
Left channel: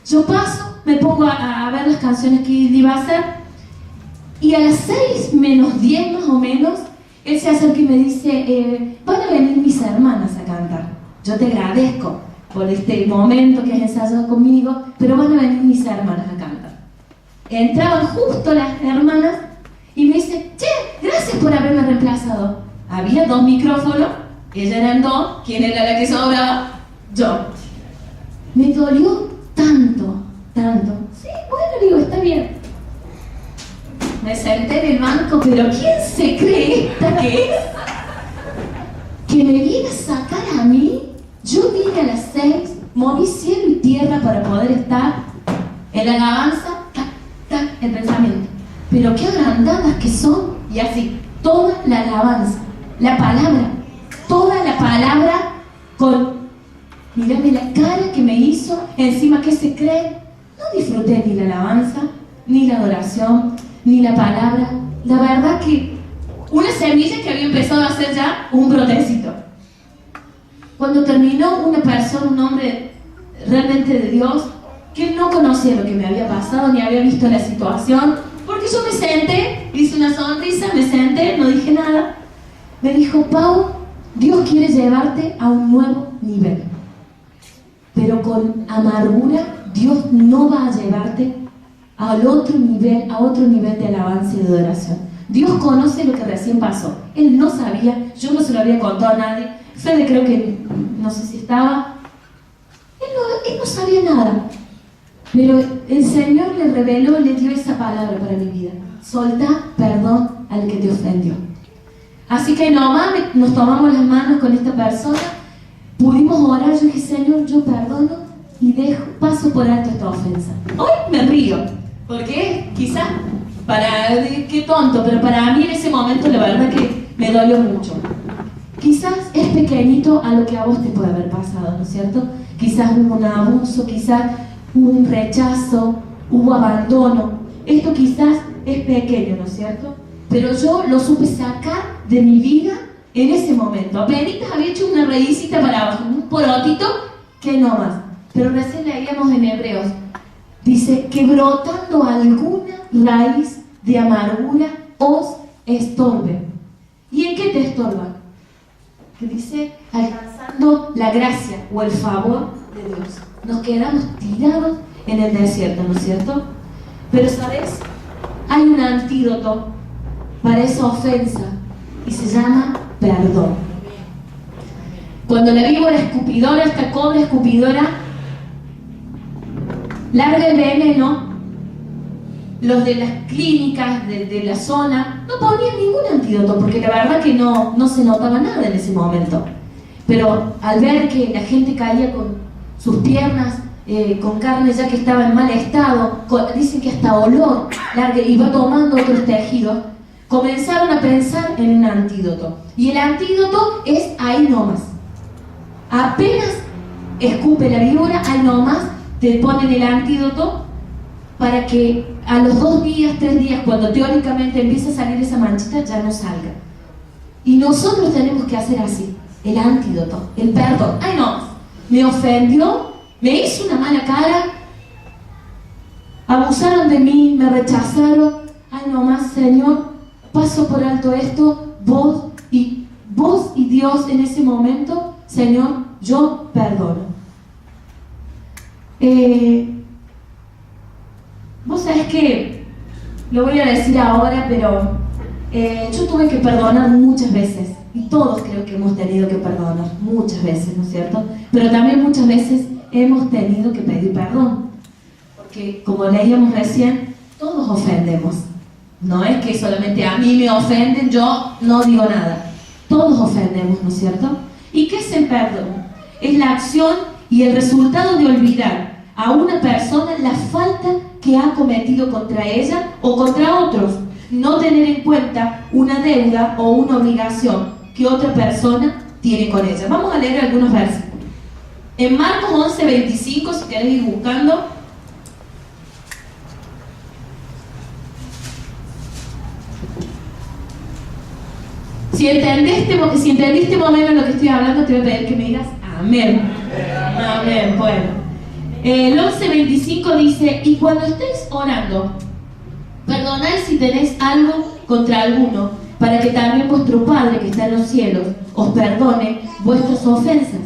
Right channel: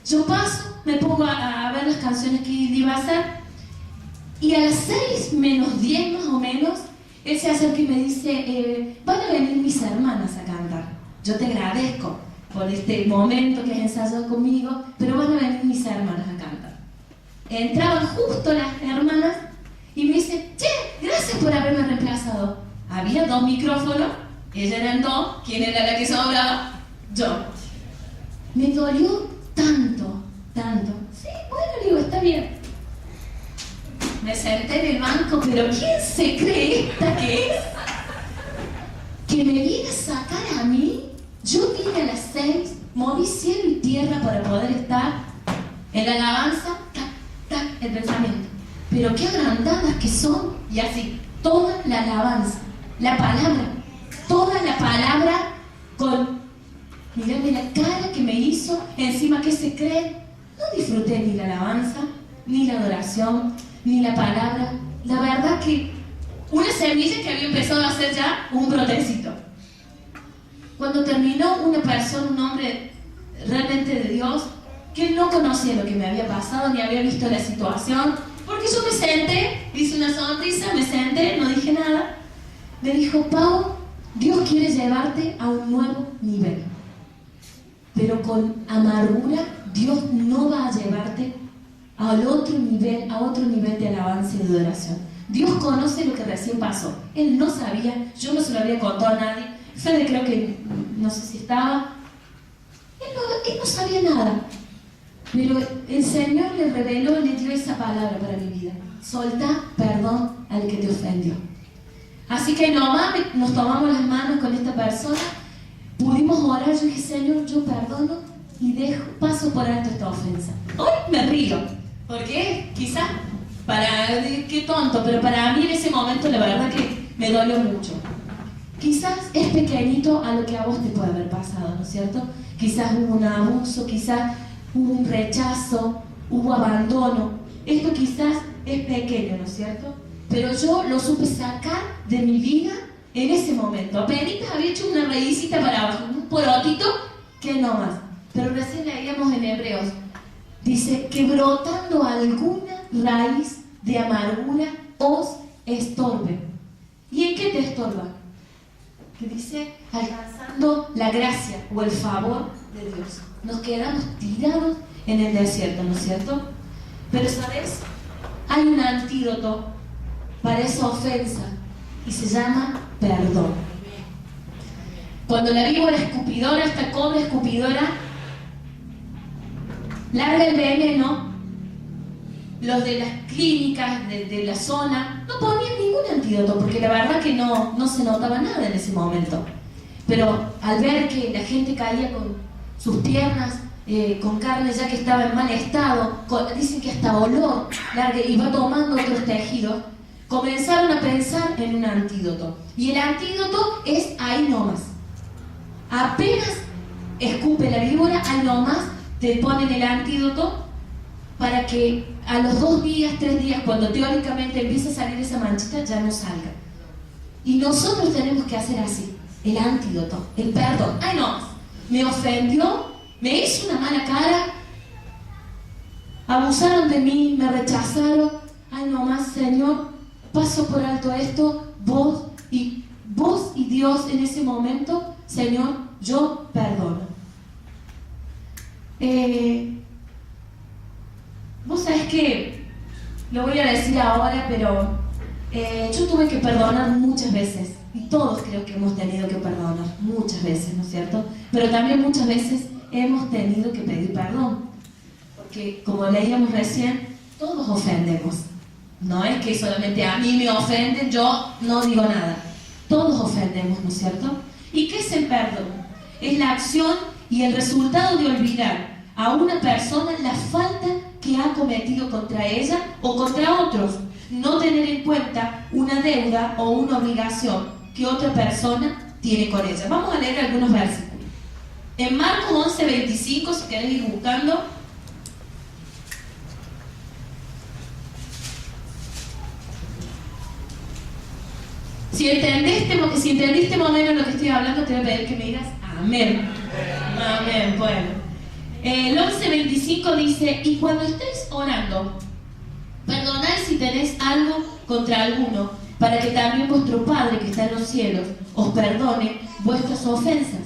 yo paso, me pongo a ver las canciones que iba a hacer y a las 6 menos 10 más o menos, él se acerca y me dice, van a venir mis hermanas a cantar. Yo te agradezco por este momento que has ensayado conmigo, pero van a venir mis hermanas a cantar. Entraban justo las hermanas y me dice, che, gracias por haberme reemplazado. Había 2 micrófonos, ellas eran 2, ¿quién era la que sobraba? Yo. Me dolió tanto. Sí, bueno, digo, está bien. Me senté en el banco, pero ¿quién se cree esta que es? Que me viene a sacar a mí. Yo vine a las 6, moví cielo y tierra para poder estar en la alabanza, el pensamiento. Pero qué agrandadas que son, y así, toda la alabanza, la palabra, toda la palabra con, mirame la cara que me hizo, encima que se cree, no disfruté ni la alabanza, ni la adoración, ni la palabra. La verdad que una semilla que había empezado a hacer ya un brotecito. Cuando terminó, una persona, un hombre realmente de Dios, que él no conocía lo que me había pasado, ni había visto la situación, porque yo me senté, hice una sonrisa, me senté, no dije nada. Me dijo: Pau, Dios quiere llevarte a un nuevo nivel, pero con amargura Dios no va a llevarte al otro nivel, a otro nivel de alabanza y de adoración. Dios conoce lo que recién pasó. Él no sabía, yo no se lo había contado a nadie. Fede creo que, no sé si estaba, él no sabía nada. Pero el Señor le reveló, le dio esa palabra para mi vida: soltá perdón al que te ofendió. Así que nomás nos tomamos las manos con esta persona, pudimos orar. Yo dije: Señor, yo perdono y paso por alto esta ofensa. Hoy me río, porque quizás, qué tonto, pero para mí en ese momento la verdad que me dolió mucho. Quizás es pequeñito a lo que a vos te puede haber pasado, ¿no es cierto? Quizás hubo un abuso, quizás hubo un rechazo, hubo abandono. Esto quizás es pequeño, ¿no es cierto? Pero yo lo supe sacar de mi vida en ese momento. Apenas había hecho una raícita para abajo, un porotito que no más. Pero recién leíamos en Hebreos, dice que brotando alguna raíz de amargura os estorbe. ¿Y en qué te estorba? Que dice, alcanzando la gracia o el favor de Dios. Nos quedamos tirados en el desierto, ¿no es cierto? Pero ¿sabes? Hay un antídoto para esa ofensa y se llama perdón. Cuando la víbora escupidora, esta cobra escupidora, larga el veneno, los de las clínicas de la zona no ponían ningún antídoto, porque la verdad que no se notaba nada en ese momento. Pero al ver que la gente caía con sus piernas, con carne ya que estaba en mal estado, dicen que hasta olor, y va tomando otros tejidos, comenzaron a pensar en un antídoto. Y el antídoto es ahí nomás. Apenas escupe la víbora, ahí nomás te ponen el antídoto para que a los 2 días, 3 días, cuando teóricamente empieza a salir esa manchita, ya no salga. Y nosotros tenemos que hacer así, el antídoto, el perdón. Ay no, me ofendió, me hizo una mala cara, abusaron de mí, me rechazaron. Ay no más, Señor, paso por alto esto, vos y Dios en ese momento, Señor, yo perdono. Vos sabés que, lo voy a decir ahora, pero yo tuve que perdonar muchas veces, y todos creo que hemos tenido que perdonar muchas veces, ¿no es cierto? Pero también muchas veces hemos tenido que pedir perdón, porque como leíamos recién, todos ofendemos. No es que solamente a mí me ofenden, yo no digo nada. Todos ofendemos, ¿no es cierto? ¿Y qué es el perdón? Es la acción y el resultado de olvidar a una persona la falta que ha cometido contra ella o contra otros. No tener en cuenta una deuda o una obligación que otra persona tiene con ella. Vamos a leer algunos versículos. En Marcos 11:25, si querés ir buscando. Si entendiste más o menos lo que estoy hablando, te voy a pedir que me digas amén. Amén, bueno. El 11:25 dice: y cuando estéis orando, perdonad si tenéis algo contra alguno, para que también vuestro Padre que está en los cielos os perdone vuestras ofensas.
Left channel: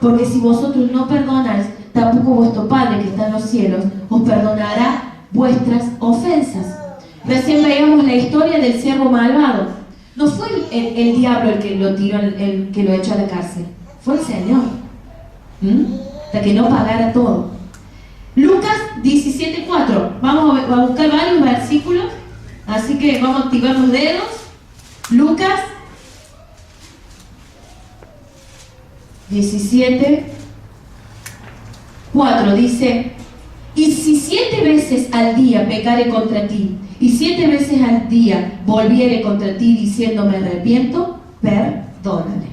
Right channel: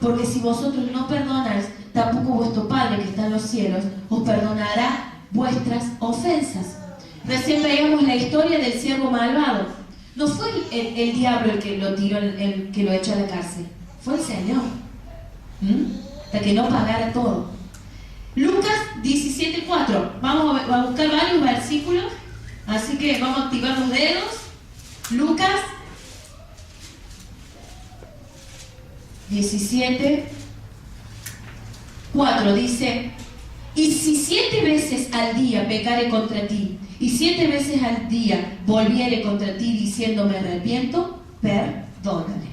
Porque si vosotros no perdonáis, tampoco vuestro Padre que está en los cielos os perdonará vuestras ofensas. Recién veíamos la historia del siervo malvado. No fue el diablo el que lo tiró, el que lo echó a la cárcel. Fue el Señor. Hasta que no pagara todo. Lucas 17:4. Vamos a buscar varios versículos. Así que vamos a activar los dedos. Lucas 17:4 dice: y si 7 veces al día pecare contra ti, y 7 veces al día volviere contra ti diciendo me arrepiento, perdónale.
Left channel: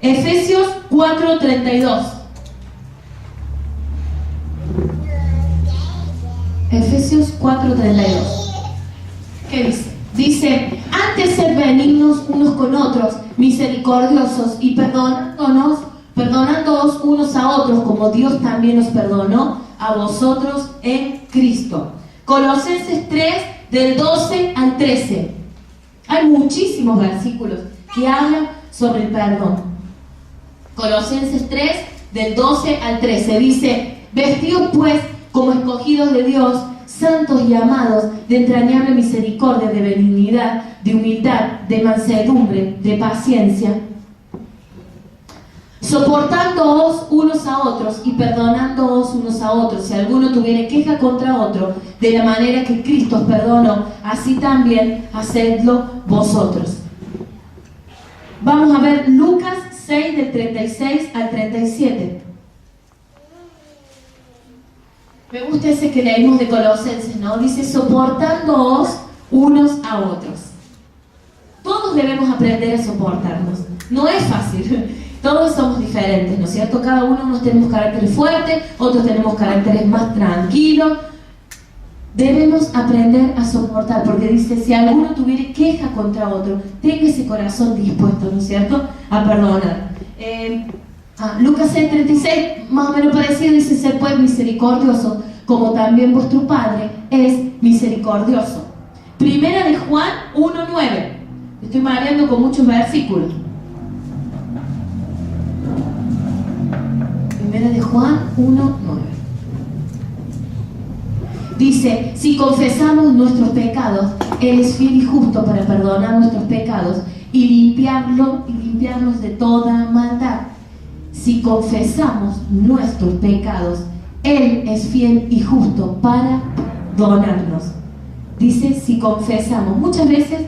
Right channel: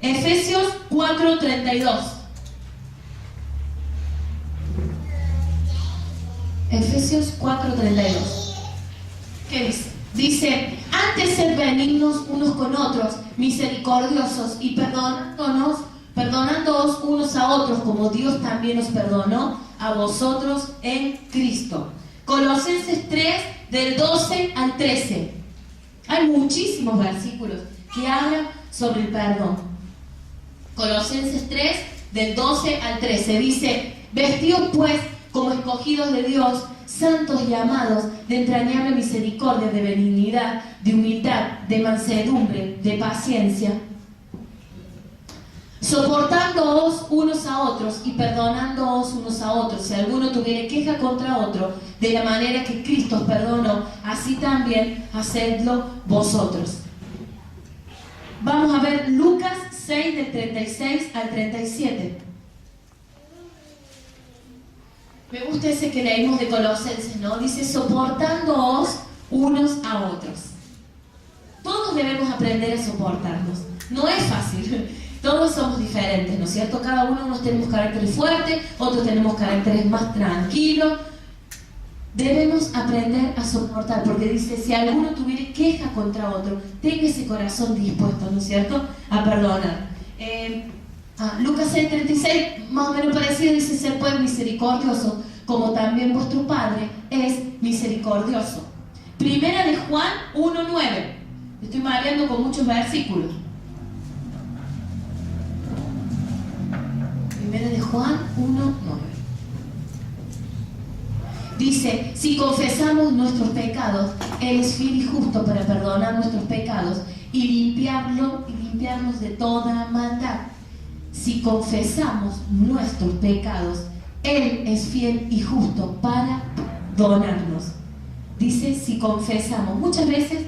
Efesios 4:32. Efesios 4:32. ¿Qué dice? Dice: antes sed benignos unos con otros, misericordiosos y perdonándonos perdonándoos unos a otros como Dios también os perdonó a vosotros en Cristo. Colosenses 3, del 12 al 13. Hay muchísimos versículos que hablan sobre el perdón. Colosenses 3, del 12 al 13, dice: vestidos pues como escogidos de Dios, santos y amados, de entrañable misericordia, de benignidad, de humildad, de mansedumbre, de paciencia, soportándoos unos a otros y perdonándoos unos a otros, si alguno tuviere queja contra otro, de la manera que Cristo os perdonó, así también hacedlo vosotros. Vamos a ver Lucas 6, del 36 al 37. Me gusta ese que leímos de Colosenses, ¿no? Dice: soportándoos unos a otros. Todos debemos aprender a soportarnos. No es fácil. Todos somos diferentes, ¿no es cierto? Cada uno tenemos caracteres fuertes, otros tenemos caracteres más tranquilos. Debemos aprender a soportar, porque dice: si alguno tuviera queja contra otro, tenga ese corazón dispuesto, ¿no es cierto?, a perdonar. Lucas 6:36, más o menos parecido, dice: sed pues misericordioso, como también vuestro Padre es misericordioso. Primera de Juan 1:9. Estoy mareando con muchos versículos. Primera de Juan 1:9. Dice: si confesamos nuestros pecados, Él es fiel y justo para perdonar nuestros pecados y limpiarnos de toda maldad. Si confesamos nuestros pecados, Él es fiel y justo para perdonarnos. Dice: si confesamos. Muchas veces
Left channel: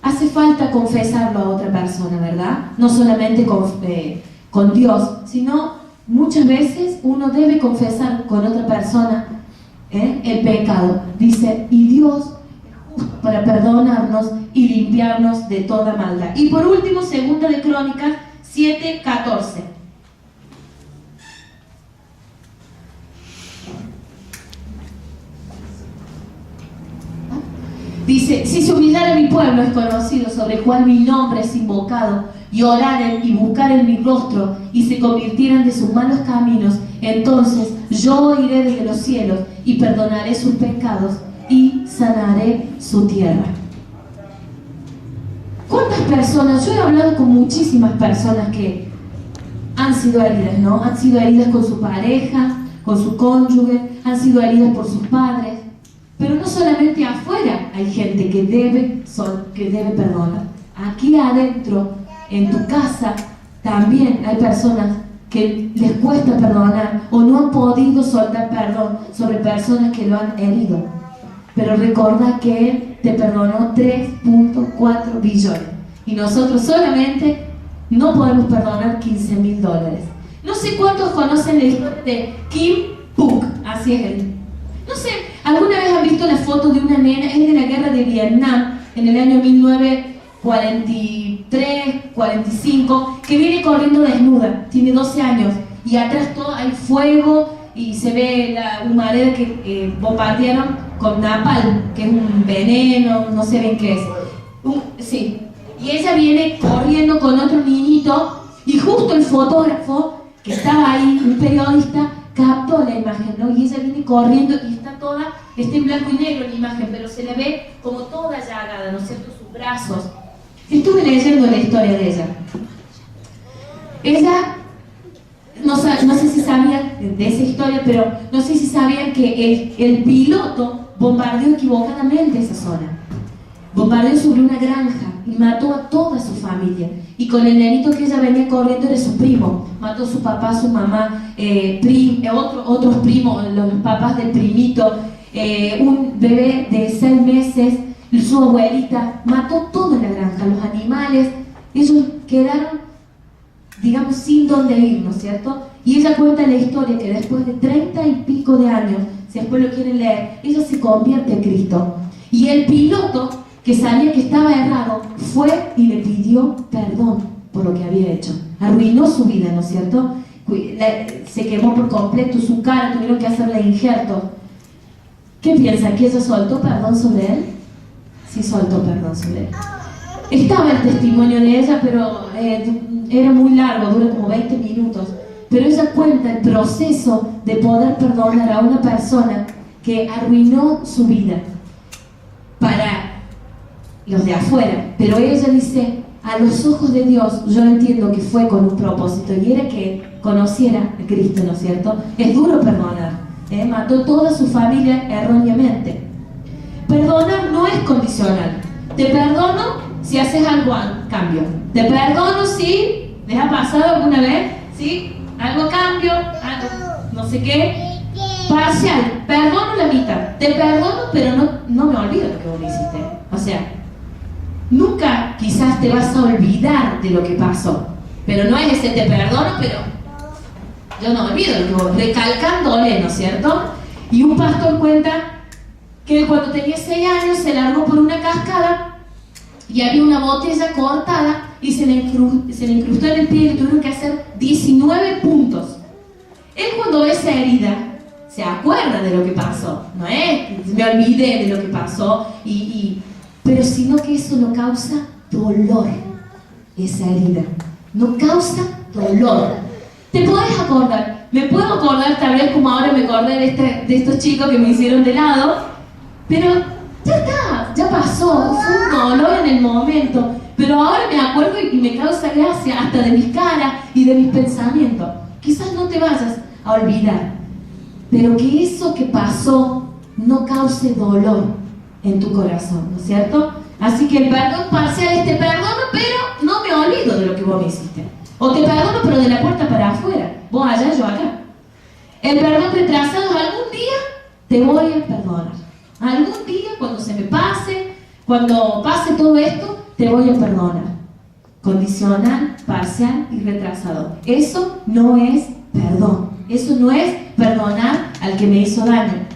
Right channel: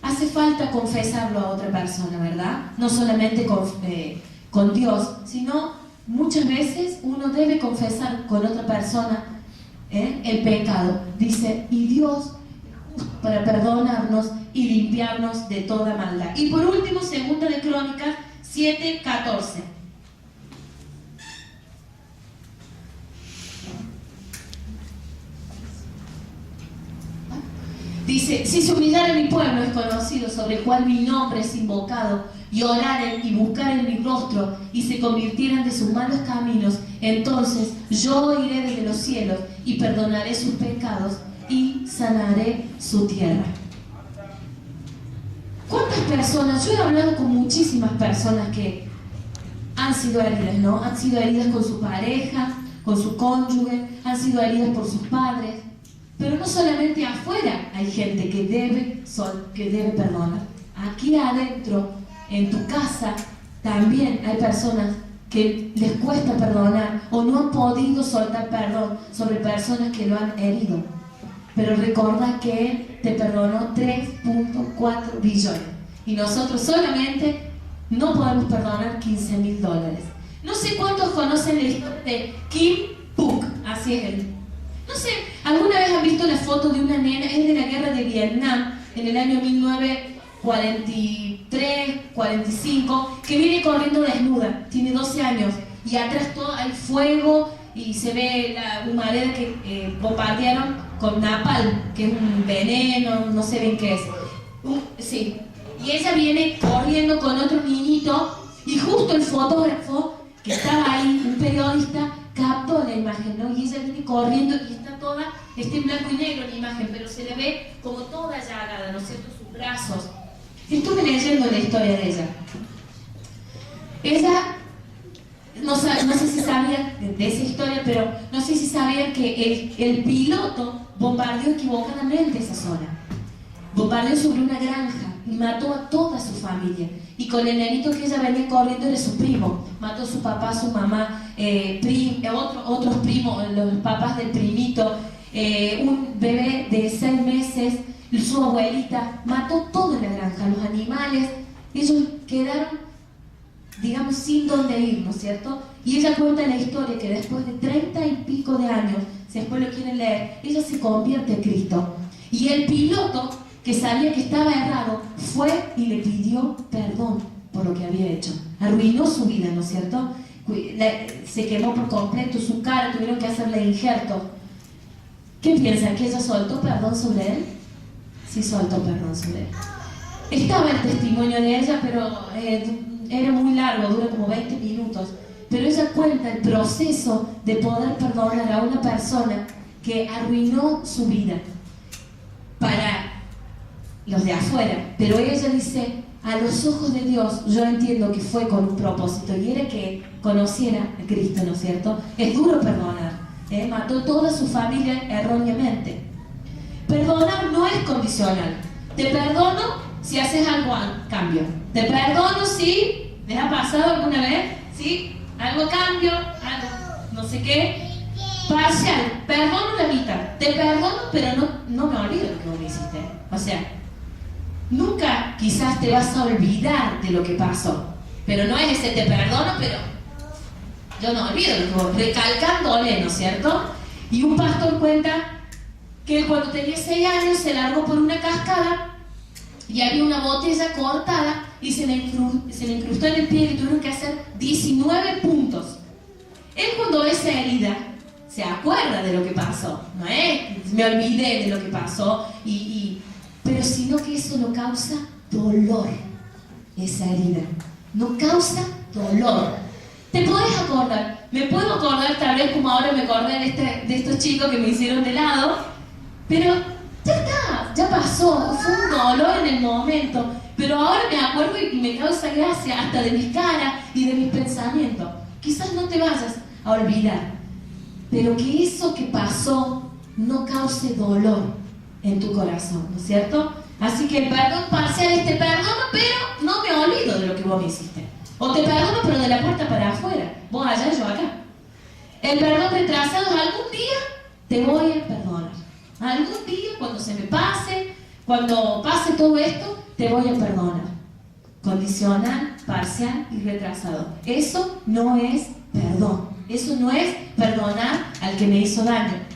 hace falta confesarlo a otra persona, ¿verdad? No solamente con Dios, sino muchas veces uno debe confesar con otra persona el pecado. Dice: y Dios es justo para perdonarnos y limpiarnos de toda maldad. Y por último, segunda de Crónicas 7:14. Dice: si se humillara mi pueblo es conocido, sobre el cual mi nombre es invocado, y oraren y buscaren mi rostro, y se convirtieran de sus malos caminos, entonces yo oiré desde los cielos, y perdonaré sus pecados, y sanaré su tierra. ¿Cuántas personas? Yo he hablado con muchísimas personas que han sido heridas, ¿no? Han sido heridas con su pareja, con su cónyuge, han sido heridas por sus padres. Pero no solamente afuera hay gente que debe perdonar. Aquí adentro, en tu casa, también hay personas que les cuesta perdonar o no han podido soltar perdón sobre personas que lo han herido. Pero recuerda que Él te perdonó 3.4 billones y nosotros solamente no podemos perdonar $15.000. No sé cuántos conocen la historia de Kim Phuc, así es él. No sé, ¿alguna vez han visto la foto de una nena? Es de la guerra de Vietnam, en el año 1943, 45, que viene corriendo desnuda, tiene 12 años, y atrás todo hay fuego, y se ve la humareda que bombardearon con napalm, que es un veneno, no sé bien qué es. Sí, y ella viene corriendo con otro niñito, y justo el fotógrafo que estaba ahí, un periodista, captó la imagen, ¿no? Y ella viene corriendo y está en blanco y negro la imagen, pero se le ve como toda llagada, ¿no es cierto?, sus brazos. Estuve leyendo la historia de ella. Ella, no sé si sabían de esa historia, pero no sé si sabían que el piloto bombardeó equivocadamente esa zona. Bombardeó sobre una granja y mató a toda su familia. Y con el nenito que ella venía corriendo era su primo. Mató a su papá, su mamá, otros primos, los papás del primito, un bebé de 6 meses, su abuelita. Mató todo en la granja, los animales. Ellos quedaron, digamos, sin dónde ir, ¿no es cierto? Y ella cuenta la historia que después de 30 y pico de años, si después lo quieren leer, ella se convierte en Cristo. Y el piloto, que sabía que estaba errado, fue y le pidió perdón por lo que había hecho. Arruinó su vida, ¿no es cierto? Se quemó por completo su cara, tuvieron que hacerle injertos. ¿Qué piensan? ¿Que ella soltó perdón sobre él? Sí, soltó perdón sobre él. Estaba el testimonio de ella, pero era muy largo, dura como 20 minutos, pero ella cuenta el proceso de poder perdonar a una persona que arruinó su vida para los de afuera, pero ella dice, a los ojos de Dios, yo entiendo que fue con un propósito, y era que conociera a Cristo, ¿no es cierto? Es duro perdonar, mató toda su familia erróneamente. Perdonar no es condicional. Te perdono si haces algo a cambio. Te perdono si les ha pasado alguna vez, ¿sí? Algo a cambio, algo no sé qué. Parcial, perdono la mitad. Te perdono, pero no me olvido lo que vos me hiciste. O sea, nunca quizás te vas a olvidar de lo que pasó. Pero no es ese te perdono, pero yo no olvido lo que vos, recalcándole, ¿no es cierto? Y un pastor cuenta que cuando tenía 6 años se largó por una cascada y había una botella cortada y se le incrustó en el pie y le tuvieron que hacer 19 puntos. Él cuando ve esa herida se acuerda de lo que pasó, no es me olvidé de lo que pasó, pero sino que eso no causa dolor, esa herida, no causa dolor. ¿Te podés acordar? Me puedo acordar tal vez como ahora me acordé de estos chicos que me hicieron de lado, pero ya está, ya pasó, fue un dolor en el momento, pero ahora me acuerdo y me causa gracia hasta de mis caras y de mis pensamientos. Quizás no te vayas a olvidar, pero que eso que pasó no cause dolor en tu corazón, ¿no es cierto? Así que el perdón parcial es te perdono, pero no me olvido de lo que vos me hiciste. O te perdono, pero de la puerta para afuera, vos allá, yo acá. El perdón retrasado es algún día te voy a perdonar. Algún día, cuando se me pase, cuando pase todo esto, te voy a perdonar. Condicional, parcial y retrasado. Eso no es perdón. Eso no es perdonar al que me hizo daño.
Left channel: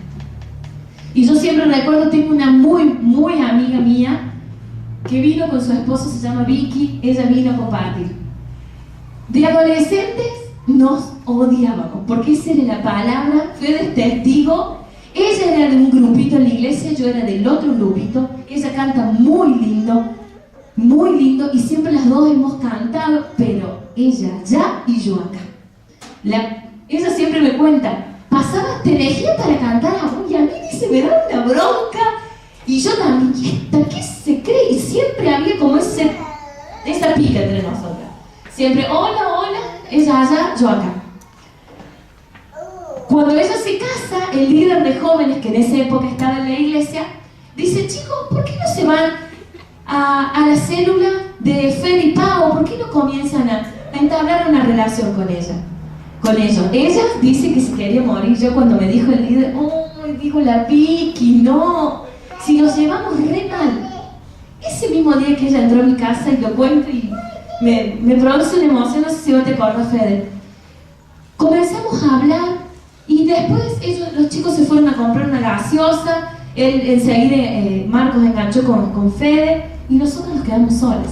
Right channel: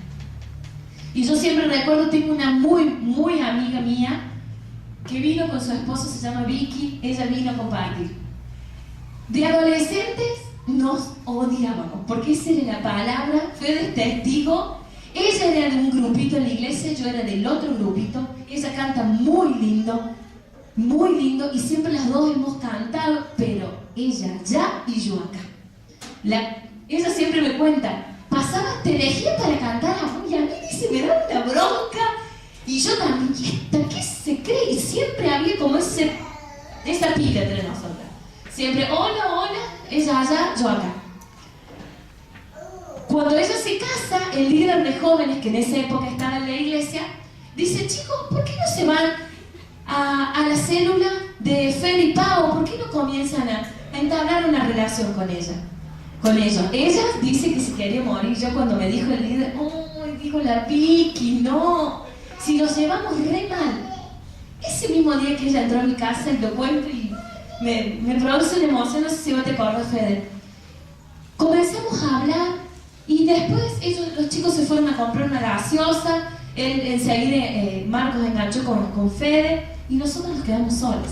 Y yo siempre recuerdo, tengo una muy amiga mía que vino con su esposo, se llama Vicky, ella vino a compartir. De adolescentes nos odiábamos, porque esa era la palabra, fue de testigo. Ella era de un grupito en la iglesia, yo era del otro grupito. Ella canta muy lindo, y siempre las dos hemos cantado, pero ella allá y yo acá. Ella siempre me cuenta, pasaba herejía para cantar y a mí se me daba una bronca, y yo también, ¿qué se cree? Y siempre había como esa pica entre nosotras. Siempre, hola, ella allá, yo acá. Cuando ella se casa, el líder de jóvenes que en esa época estaba en la iglesia, dice, chicos, ¿por qué no se van a la célula de Fede y Pau? ¿Por qué no comienzan a entablar una relación con ellos? Ella dice que se quería morir. Yo cuando me dijo el líder, digo la Vicky, no, si nos llevamos re mal. Ese mismo día que ella entró a mi casa y lo cuento y me produce una emoción, no sé si vos te acordás, Fede. Comenzamos a hablar y después los chicos se fueron a comprar una gaseosa, él enseguida Marcos enganchó con Fede y nosotros nos quedamos solos.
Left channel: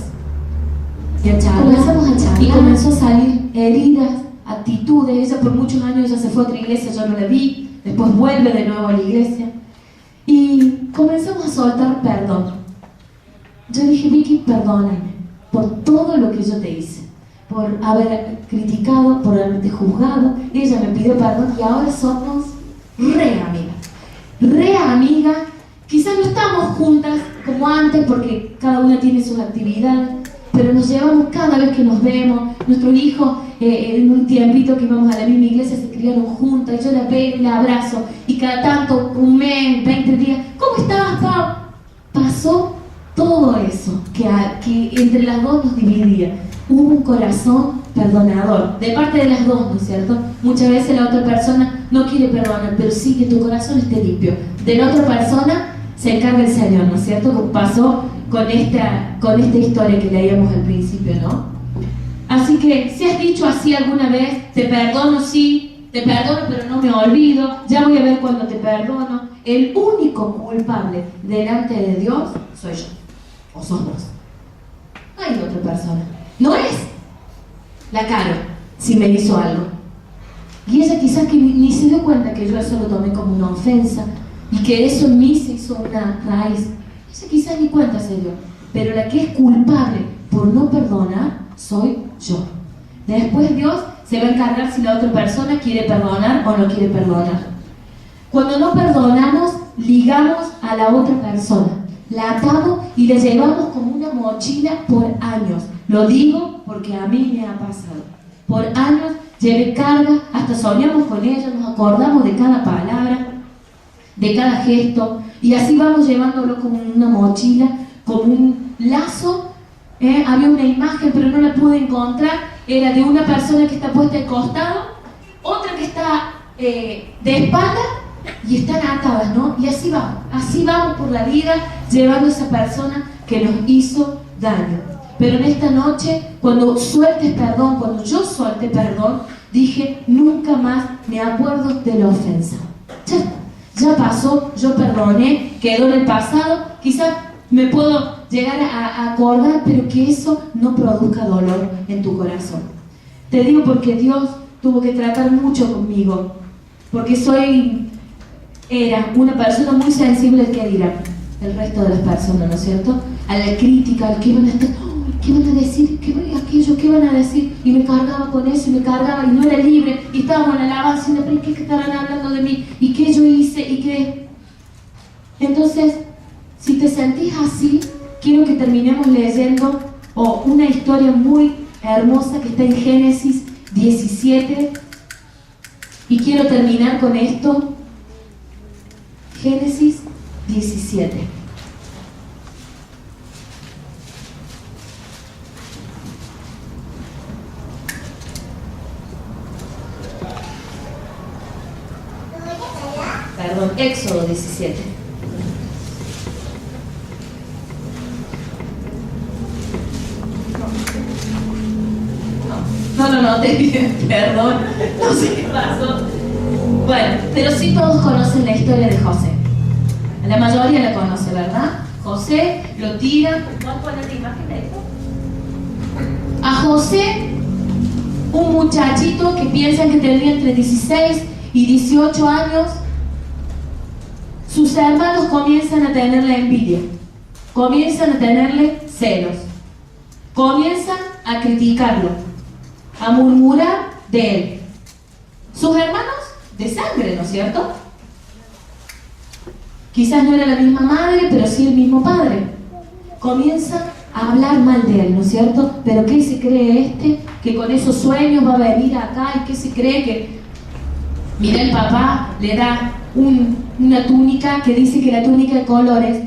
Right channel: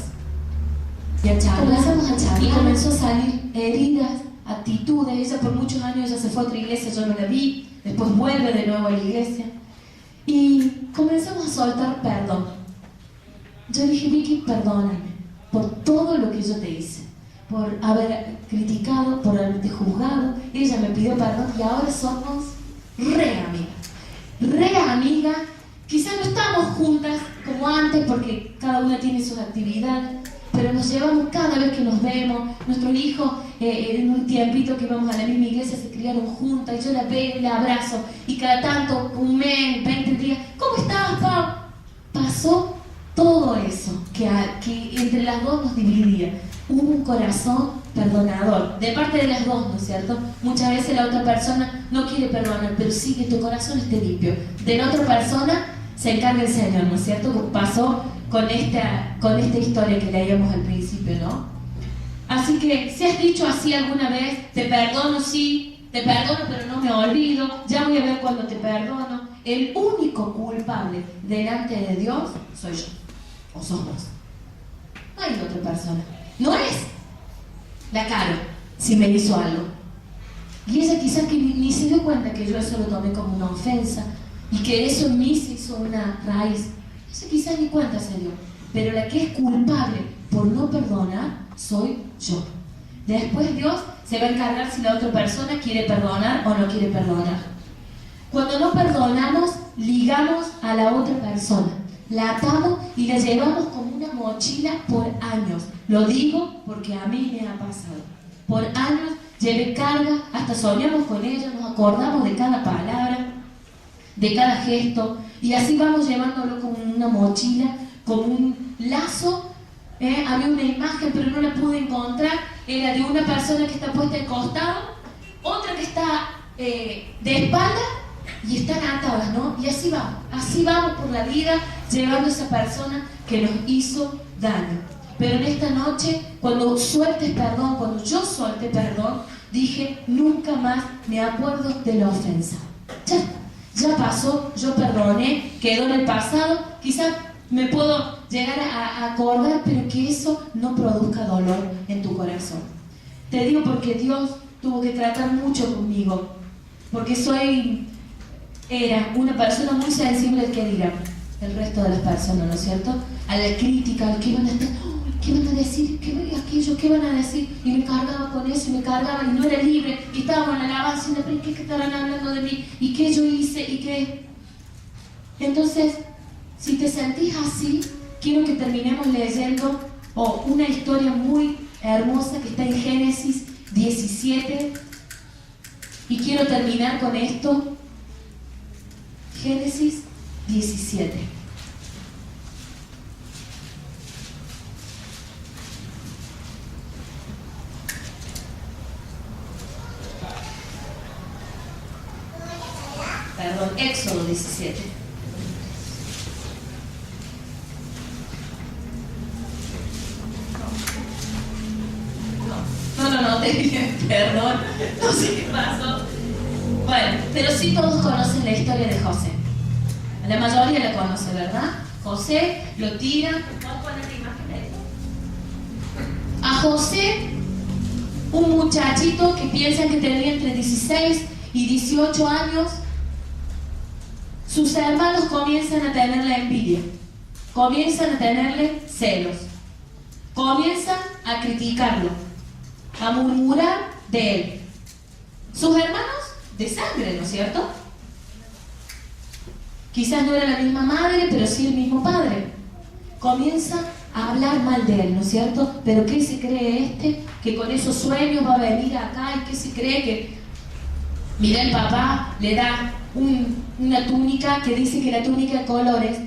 Comenzamos a charlar y comenzó a salir heridas, actitudes. Ella por muchos años ella se fue a otra iglesia, yo no la vi, después vuelve de nuevo a la iglesia y comenzamos a soltar perdón. Yo dije, Vicky, perdóname por todo lo que yo te hice, por haber criticado, por haberte juzgado. Ella me pidió perdón y ahora somos re amigas. Quizás no estamos juntas como antes porque cada una tiene sus actividades, pero nos llevamos cada vez que nos vemos. Nuestros hijos en un tiempito que íbamos a la misma iglesia se criaron juntas y yo la veo y la abrazo y cada tanto, un mes, 20 días, ¿cómo estás, Pau? Pasó todo eso que entre las dos nos dividía. Hubo un corazón perdonador de parte de las dos, ¿no es cierto? Muchas veces la otra persona no quiere perdonar, pero sí que tu corazón esté limpio. De la otra persona se encarga el Señor, ¿no es cierto? Como pasó con esta historia que leíamos al principio, ¿no? Así que si has dicho así alguna vez, te perdono, sí, te perdono, pero no me olvido, ya voy a ver cuando te perdono. El único culpable delante de Dios soy yo, o sos vos. No hay otra persona. No es la Caro si me hizo algo. Y ella quizás que ni se dio cuenta que yo eso lo tomé como una ofensa y que eso en mí se hizo una raíz. Ella quizás ni cuenta se dio. Pero la que es culpable por no perdonar soy yo. Después Dios se va a encargar si la otra persona quiere perdonar o no quiere perdonar. Cuando no perdonamos, ligamos a la otra persona, la atamos y la llevamos como una mochila por años. Lo digo porque a mí me ha pasado. Por años llevé carga, hasta soñamos con ella, nos acordamos de cada palabra, de cada gesto, y así vamos llevándolo como una mochila, como un lazo. Había una imagen, pero no la pude encontrar, era de una persona que está puesta de costado, otra que está de espalda, y están atadas, ¿no? Y así vamos por la vida, llevando a esa persona que nos hizo daño. Pero en esta noche, cuando sueltes perdón, cuando yo suelte perdón, dije, nunca más me acuerdo de la ofensa. Ya pasó, yo perdoné, quedó en el pasado, quizás me puedo llegar a acordar, pero que eso no produzca dolor en tu corazón. Te digo porque Dios tuvo que tratar mucho conmigo, porque era una persona muy sensible al que dirán el resto de las personas, ¿no es cierto? A la crítica, al que iban a estar, ¿qué van a decir? ¿Qué van a decir? Y me cargaba con eso, y me cargaba, y no era libre, y estábamos en la alabanza, y ¿pero qué estarán hablando de mí? ¿Y qué yo hice? ¿Y qué? Entonces, si te sentís así, quiero que terminemos leyendo una historia muy hermosa que está en Génesis 17, y quiero terminar con esto. Génesis 17. Perdón, Éxodo 17. No, te dije, perdón, no sé qué pasó. Bueno, pero sí todos conocen la historia de José. La mayoría la conoce, ¿verdad? José lo tira. ¿Vamos a poner la imagen de esto? A José, un muchachito que piensan que tenía entre 16 y 18 años, sus hermanos comienzan a tenerle envidia, comienzan a tenerle celos, comienzan a criticarlo, a murmurar de él. Sus hermanos de sangre, ¿no es cierto? Quizás no era la misma madre, pero sí el mismo padre. Comienzan a hablar mal de él, ¿no es cierto? Pero ¿qué se cree que con esos sueños va a venir acá? ¿Y qué se cree que...? Mira, el papá le da una túnica que dice que la túnica de colores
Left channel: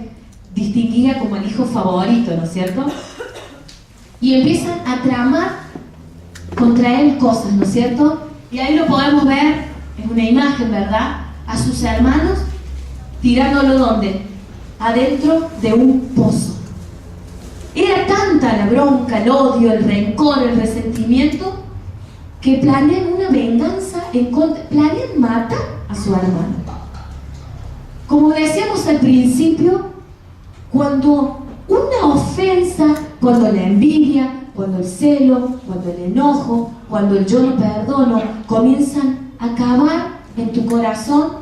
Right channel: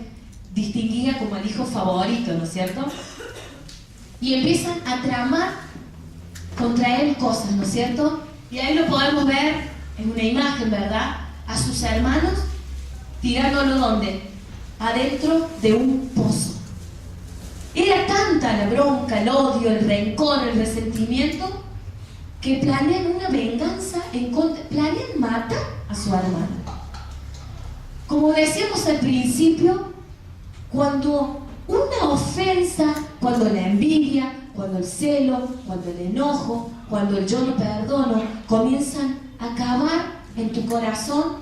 distinguía como el hijo favorito, ¿no es cierto? Y empiezan a tramar contra él cosas, ¿no es cierto? Y ahí lo podemos ver en una imagen, ¿verdad? A sus hermanos tirándolo ¿dónde? Adentro de un pozo. Era tanta la bronca, el odio, el rencor, el resentimiento, que planean una venganza planean matar a su hermano. Como decíamos al principio, cuando una ofensa, cuando la envidia, cuando el celo, cuando el enojo, cuando el yo no perdono, comienzan a acabar en tu corazón,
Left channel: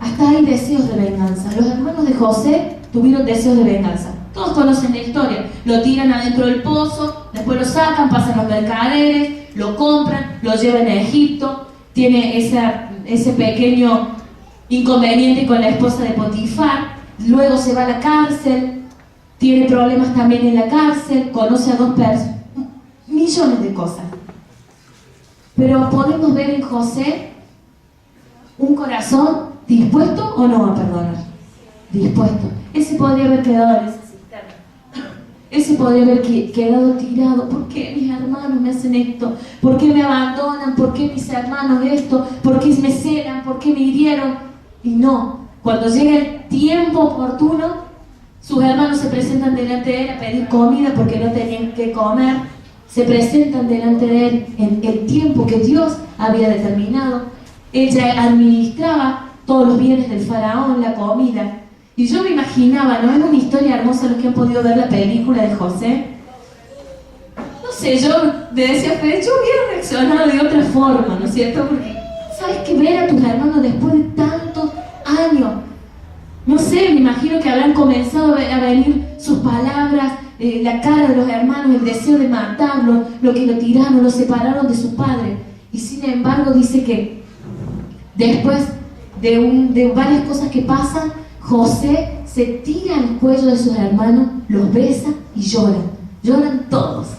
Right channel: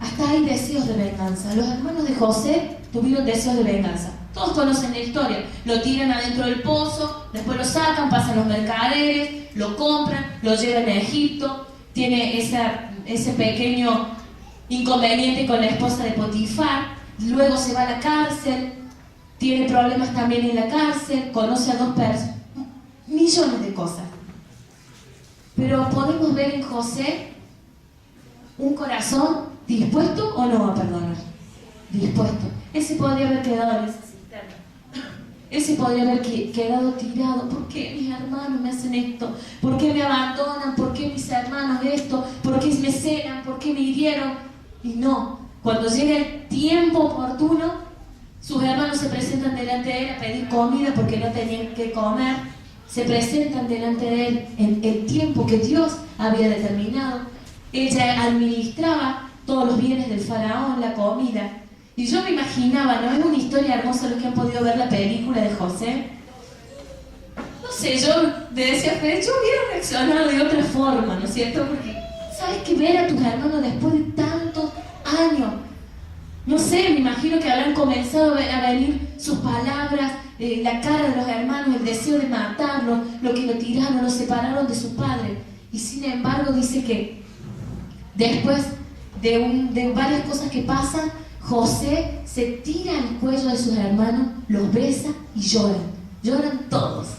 hasta hay deseos de venganza. Los hermanos de José tuvieron deseos de venganza. Todos conocen la historia. Lo tiran adentro del pozo, después lo sacan, pasan los mercaderes, lo compran, lo llevan a Egipto. Tiene ese pequeño inconveniente con la esposa de Potifar. Luego se va a la cárcel, tiene problemas también en la cárcel, conoce a 2 personas, millones de cosas. Pero podemos ver en José un corazón dispuesto o no a perdonar. Dispuesto. Él se podría haber quedado en esa cisterna. Él se podría haber quedado tirado. ¿Por qué mis hermanos me hacen esto? ¿Por qué me abandonan? ¿Por qué mis hermanos esto? ¿Por qué me celan? ¿Por qué me hirieron? Y no. Cuando llega el tiempo oportuno, sus hermanos se presentan delante de él a pedir comida porque no tenían que comer. Se presentan delante de él en el tiempo que Dios había determinado. Ella administraba todos los bienes del faraón, la comida. Y yo me imaginaba, ¿no? Es una historia hermosa los que han podido ver la película de José. No sé, yo decía, pero yo hubiera reaccionado de otra forma, ¿no es cierto? Porque, ¿sabes qué? Ver a tus hermanos después de tantos años. no sé, me imagino que habrán comenzado a venir sus palabras, la cara de los hermanos, el deseo de matarlo, lo que lo tiraron, lo separaron de su padre. Y sin embargo dice que después de varias cosas que pasan, José se tira al cuello de sus hermanos, los besa y lloran todos.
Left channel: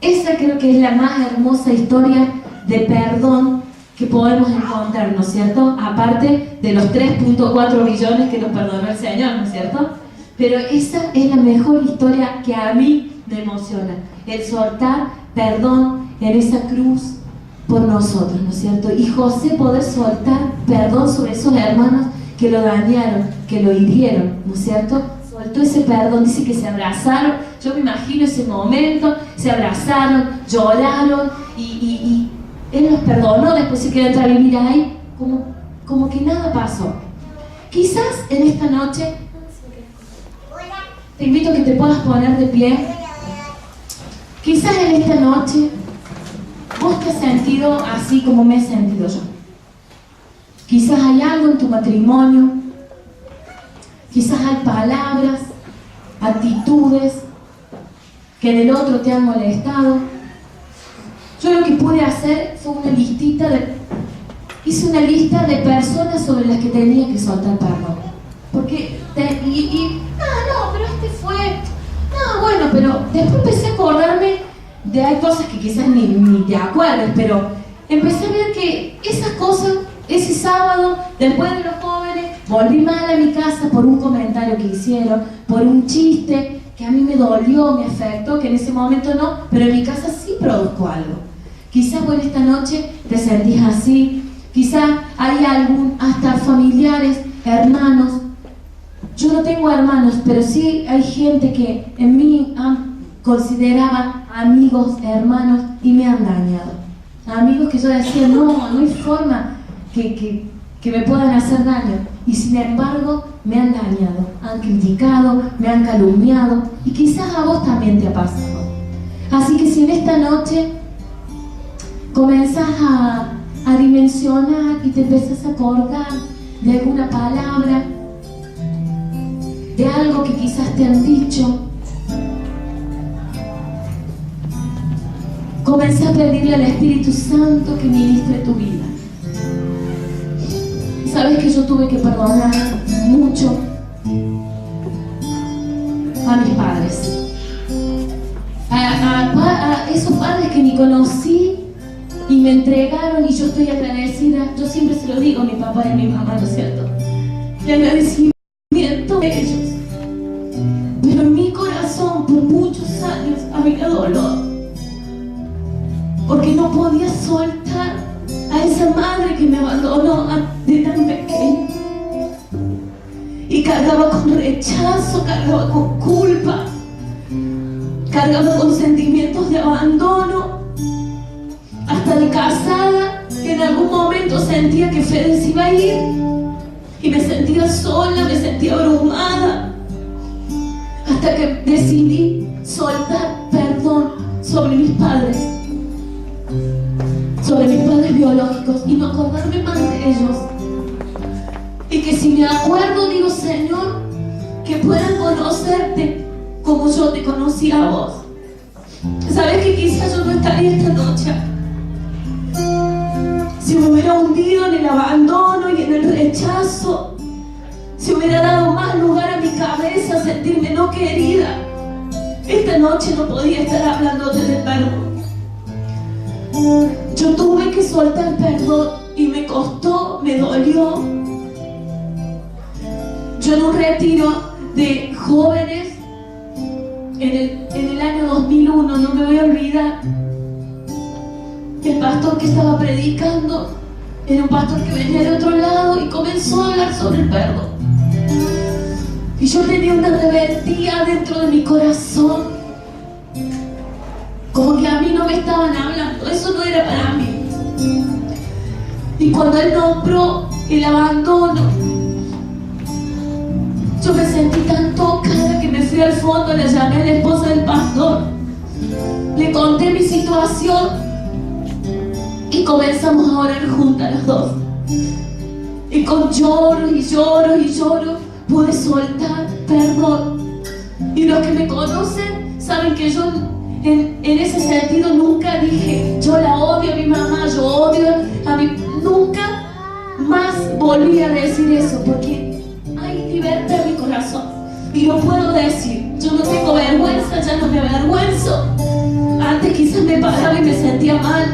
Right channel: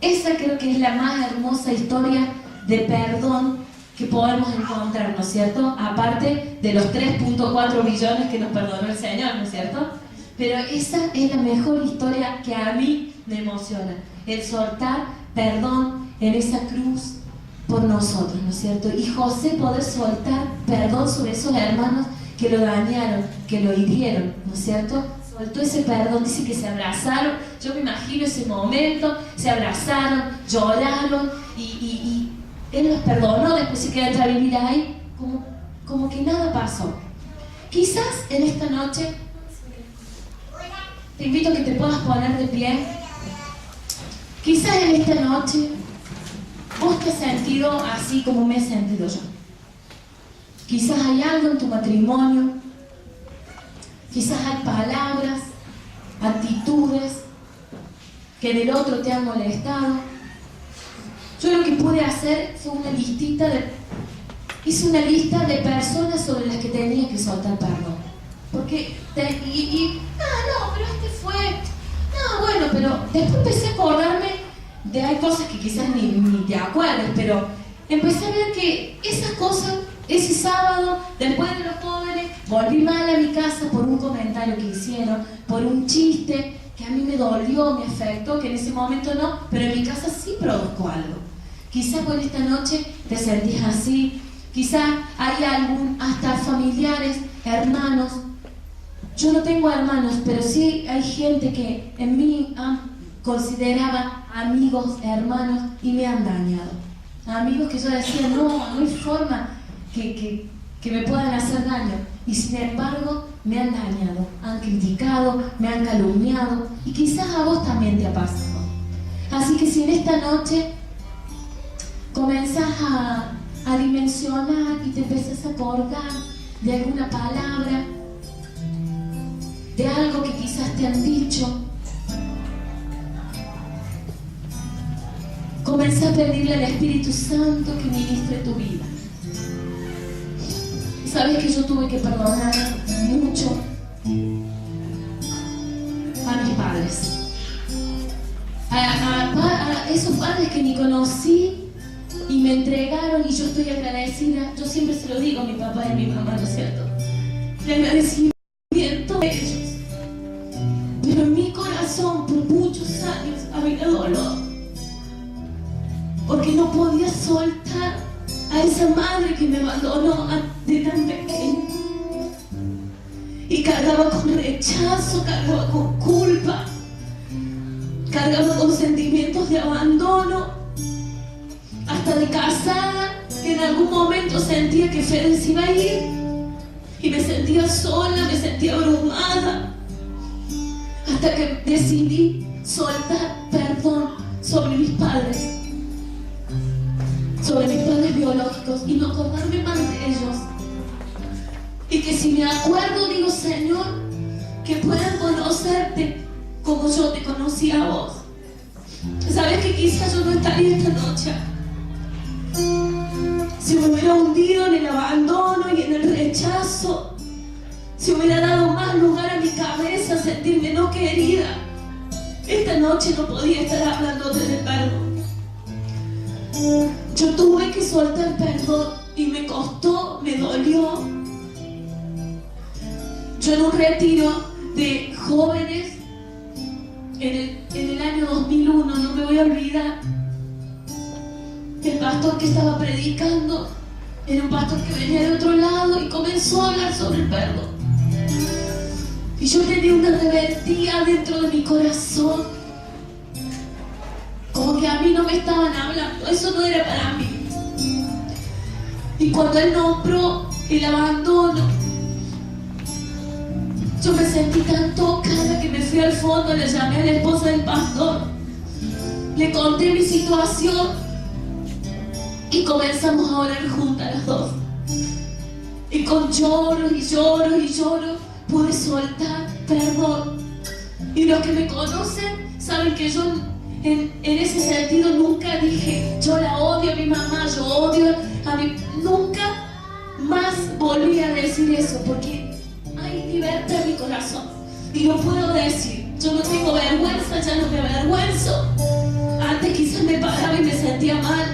Esa creo que es la más hermosa historia de perdón que podemos encontrar, ¿no es cierto? Aparte de los 3.4 billones que nos perdonó el Señor, ¿no es cierto? Pero esa es la mejor historia que a mí me emociona, el soltar perdón en esa cruz por nosotros, ¿no es cierto? Y José poder soltar perdón sobre esos hermanos que lo dañaron, que lo hirieron, ¿no es cierto? Soltó ese perdón, dice que se abrazaron, yo me imagino ese momento, se abrazaron, lloraron y él los perdonó, después se quedó a vivir ahí, como que nada pasó. Quizás en esta noche, te invito a que te puedas poner de pie, quizás en esta noche vos te has sentido así como me he sentido yo. Quizás hay algo en tu matrimonio, quizás hay palabras, actitudes que en el otro te han molestado. Yo lo que pude hacer fue hice una lista de personas sobre las que tenía que soltar perdón. Porque, pero después empecé a acordarme de hay cosas que quizás ni te acuerdes, pero empecé a ver que esas cosas, ese sábado, después de los jóvenes, volví mal a mi casa por un comentario que hicieron, por un chiste que a mí me dolió, me afectó, que en ese momento no, pero en mi casa sí produzco algo. Quizás vos en esta noche te sentís así, quizás hay hasta familiares, hermanos. Yo no tengo hermanos, pero sí hay gente que en mí consideraba amigos, hermanos, y me han dañado. Amigos que yo decía, no hay forma que me puedan hacer daño. Y sin embargo, me han dañado, han criticado, me han calumniado, y quizás a vos también te ha pasado. Así que si en esta noche comenzás a dimensionar y te empezás a acordar de alguna palabra, de algo que quizás te han dicho, comencé a pedirle al Espíritu Santo que ministre tu vida. Sabes que yo tuve que perdonar mucho a mis padres, a esos padres que ni conocí y me entregaron, y yo estoy agradecida. Yo siempre se lo digo a mi papá y a mi mamá, ¿no es cierto? El agradecimiento de ellos. Pero en mi corazón por muchos años había dolor, porque no podía soltar a esa madre que me abandonó de tan pequeña, y cargaba con rechazo, cargaba con culpa, cargaba con sentimientos de abandono. Hasta de casada, en algún momento sentía que Fede se iba a ir y me sentía sola, me sentía abrumada, hasta que decidí soltar perdón sobre mis padres biológicos, y no acordarme más de ellos. Y que si me acuerdo, digo, Señor, que puedan conocerte como yo te conocí a vos. Sabes que quizás yo no estaría esta noche si me hubiera hundido en el abandono y en el rechazo, si hubiera dado más lugar a mi cabeza a sentirme no querida. Esta noche no podía estar hablándote de perdón. Yo tuve que soltar perdón y me costó, me dolió. Yo en un retiro de jóvenes en el año 2001, no me voy a olvidar, el pastor que estaba predicando era un pastor que venía de otro lado y comenzó a hablar sobre el perdón. Y yo tenía una rebeldía dentro de mi corazón, como que a mí no me estaban hablando, eso no era para mí. Y cuando él nombró el abandono, yo me sentí tan tocada que me fui al fondo, le llamé a la esposa del pastor, le conté mi situación y comenzamos a orar juntas las dos. Y con lloro y lloro y lloro, pude soltar perdón. Y los que me conocen saben que yo en ese sentido nunca dije, yo la odio a mi mamá, yo odio a mi... Nunca más volví a decir eso, porque hay libertad en mi corazón. Y lo puedo decir, yo no tengo vergüenza, ya no me avergüenzo. Antes quizás me paraba y me sentía mal,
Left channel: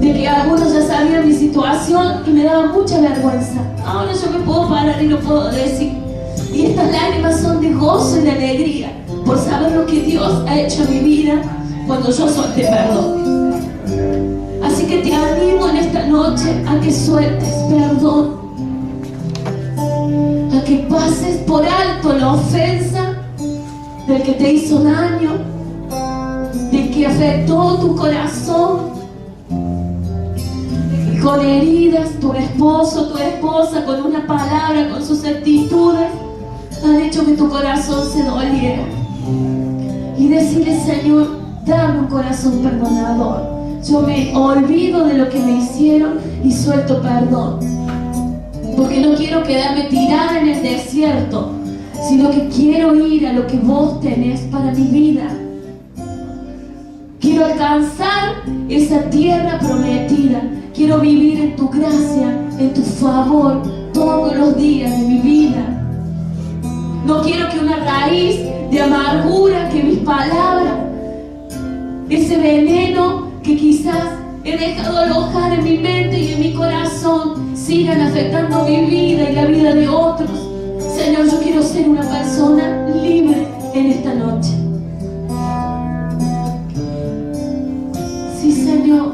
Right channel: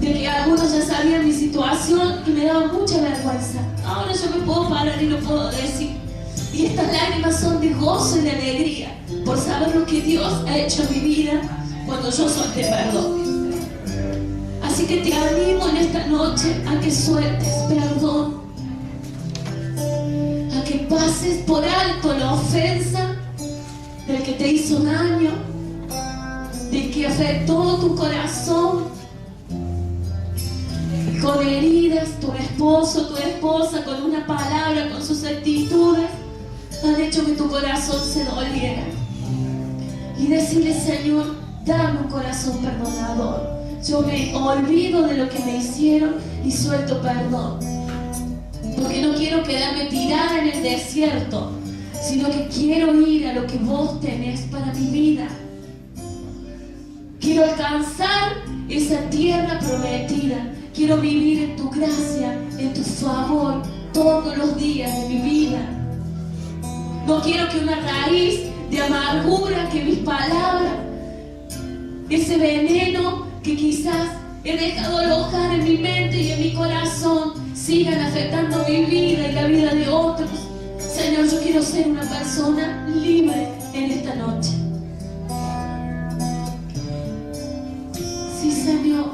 de que algunos ya sabían mi situación y me daba mucha vergüenza. Ahora yo me puedo parar y lo puedo decir. Y estas lágrimas son de gozo y de alegría por saber lo que Dios ha hecho en mi vida cuando yo solté perdón. Así que te animo en esta noche a que sueltes perdón, a que pases por alto la ofensa del que te hizo daño, del que afectó tu corazón con heridas. Tu esposo, tu esposa, con una palabra, con sus actitudes, han hecho que tu corazón se doliera. Y decirle: Señor, dame un corazón perdonador. Yo me olvido de lo que me hicieron y suelto perdón, porque no quiero quedarme tirada en el desierto, sino que quiero ir a lo que vos tenés para mi vida. Quiero alcanzar esa tierra prometida. Quiero vivir en tu gracia, en tu favor, todos los días de mi vida. No quiero que una raíz de amargura, que mis palabras, ese veneno que quizás he dejado alojar en mi mente y en mi corazón, sigan afectando mi vida y la vida de otros. Señor, yo quiero ser una persona libre en esta noche. Sí, Señor.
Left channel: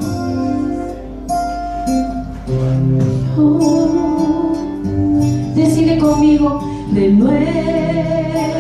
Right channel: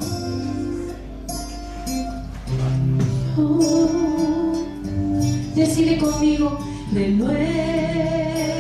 Decide conmigo: renuévame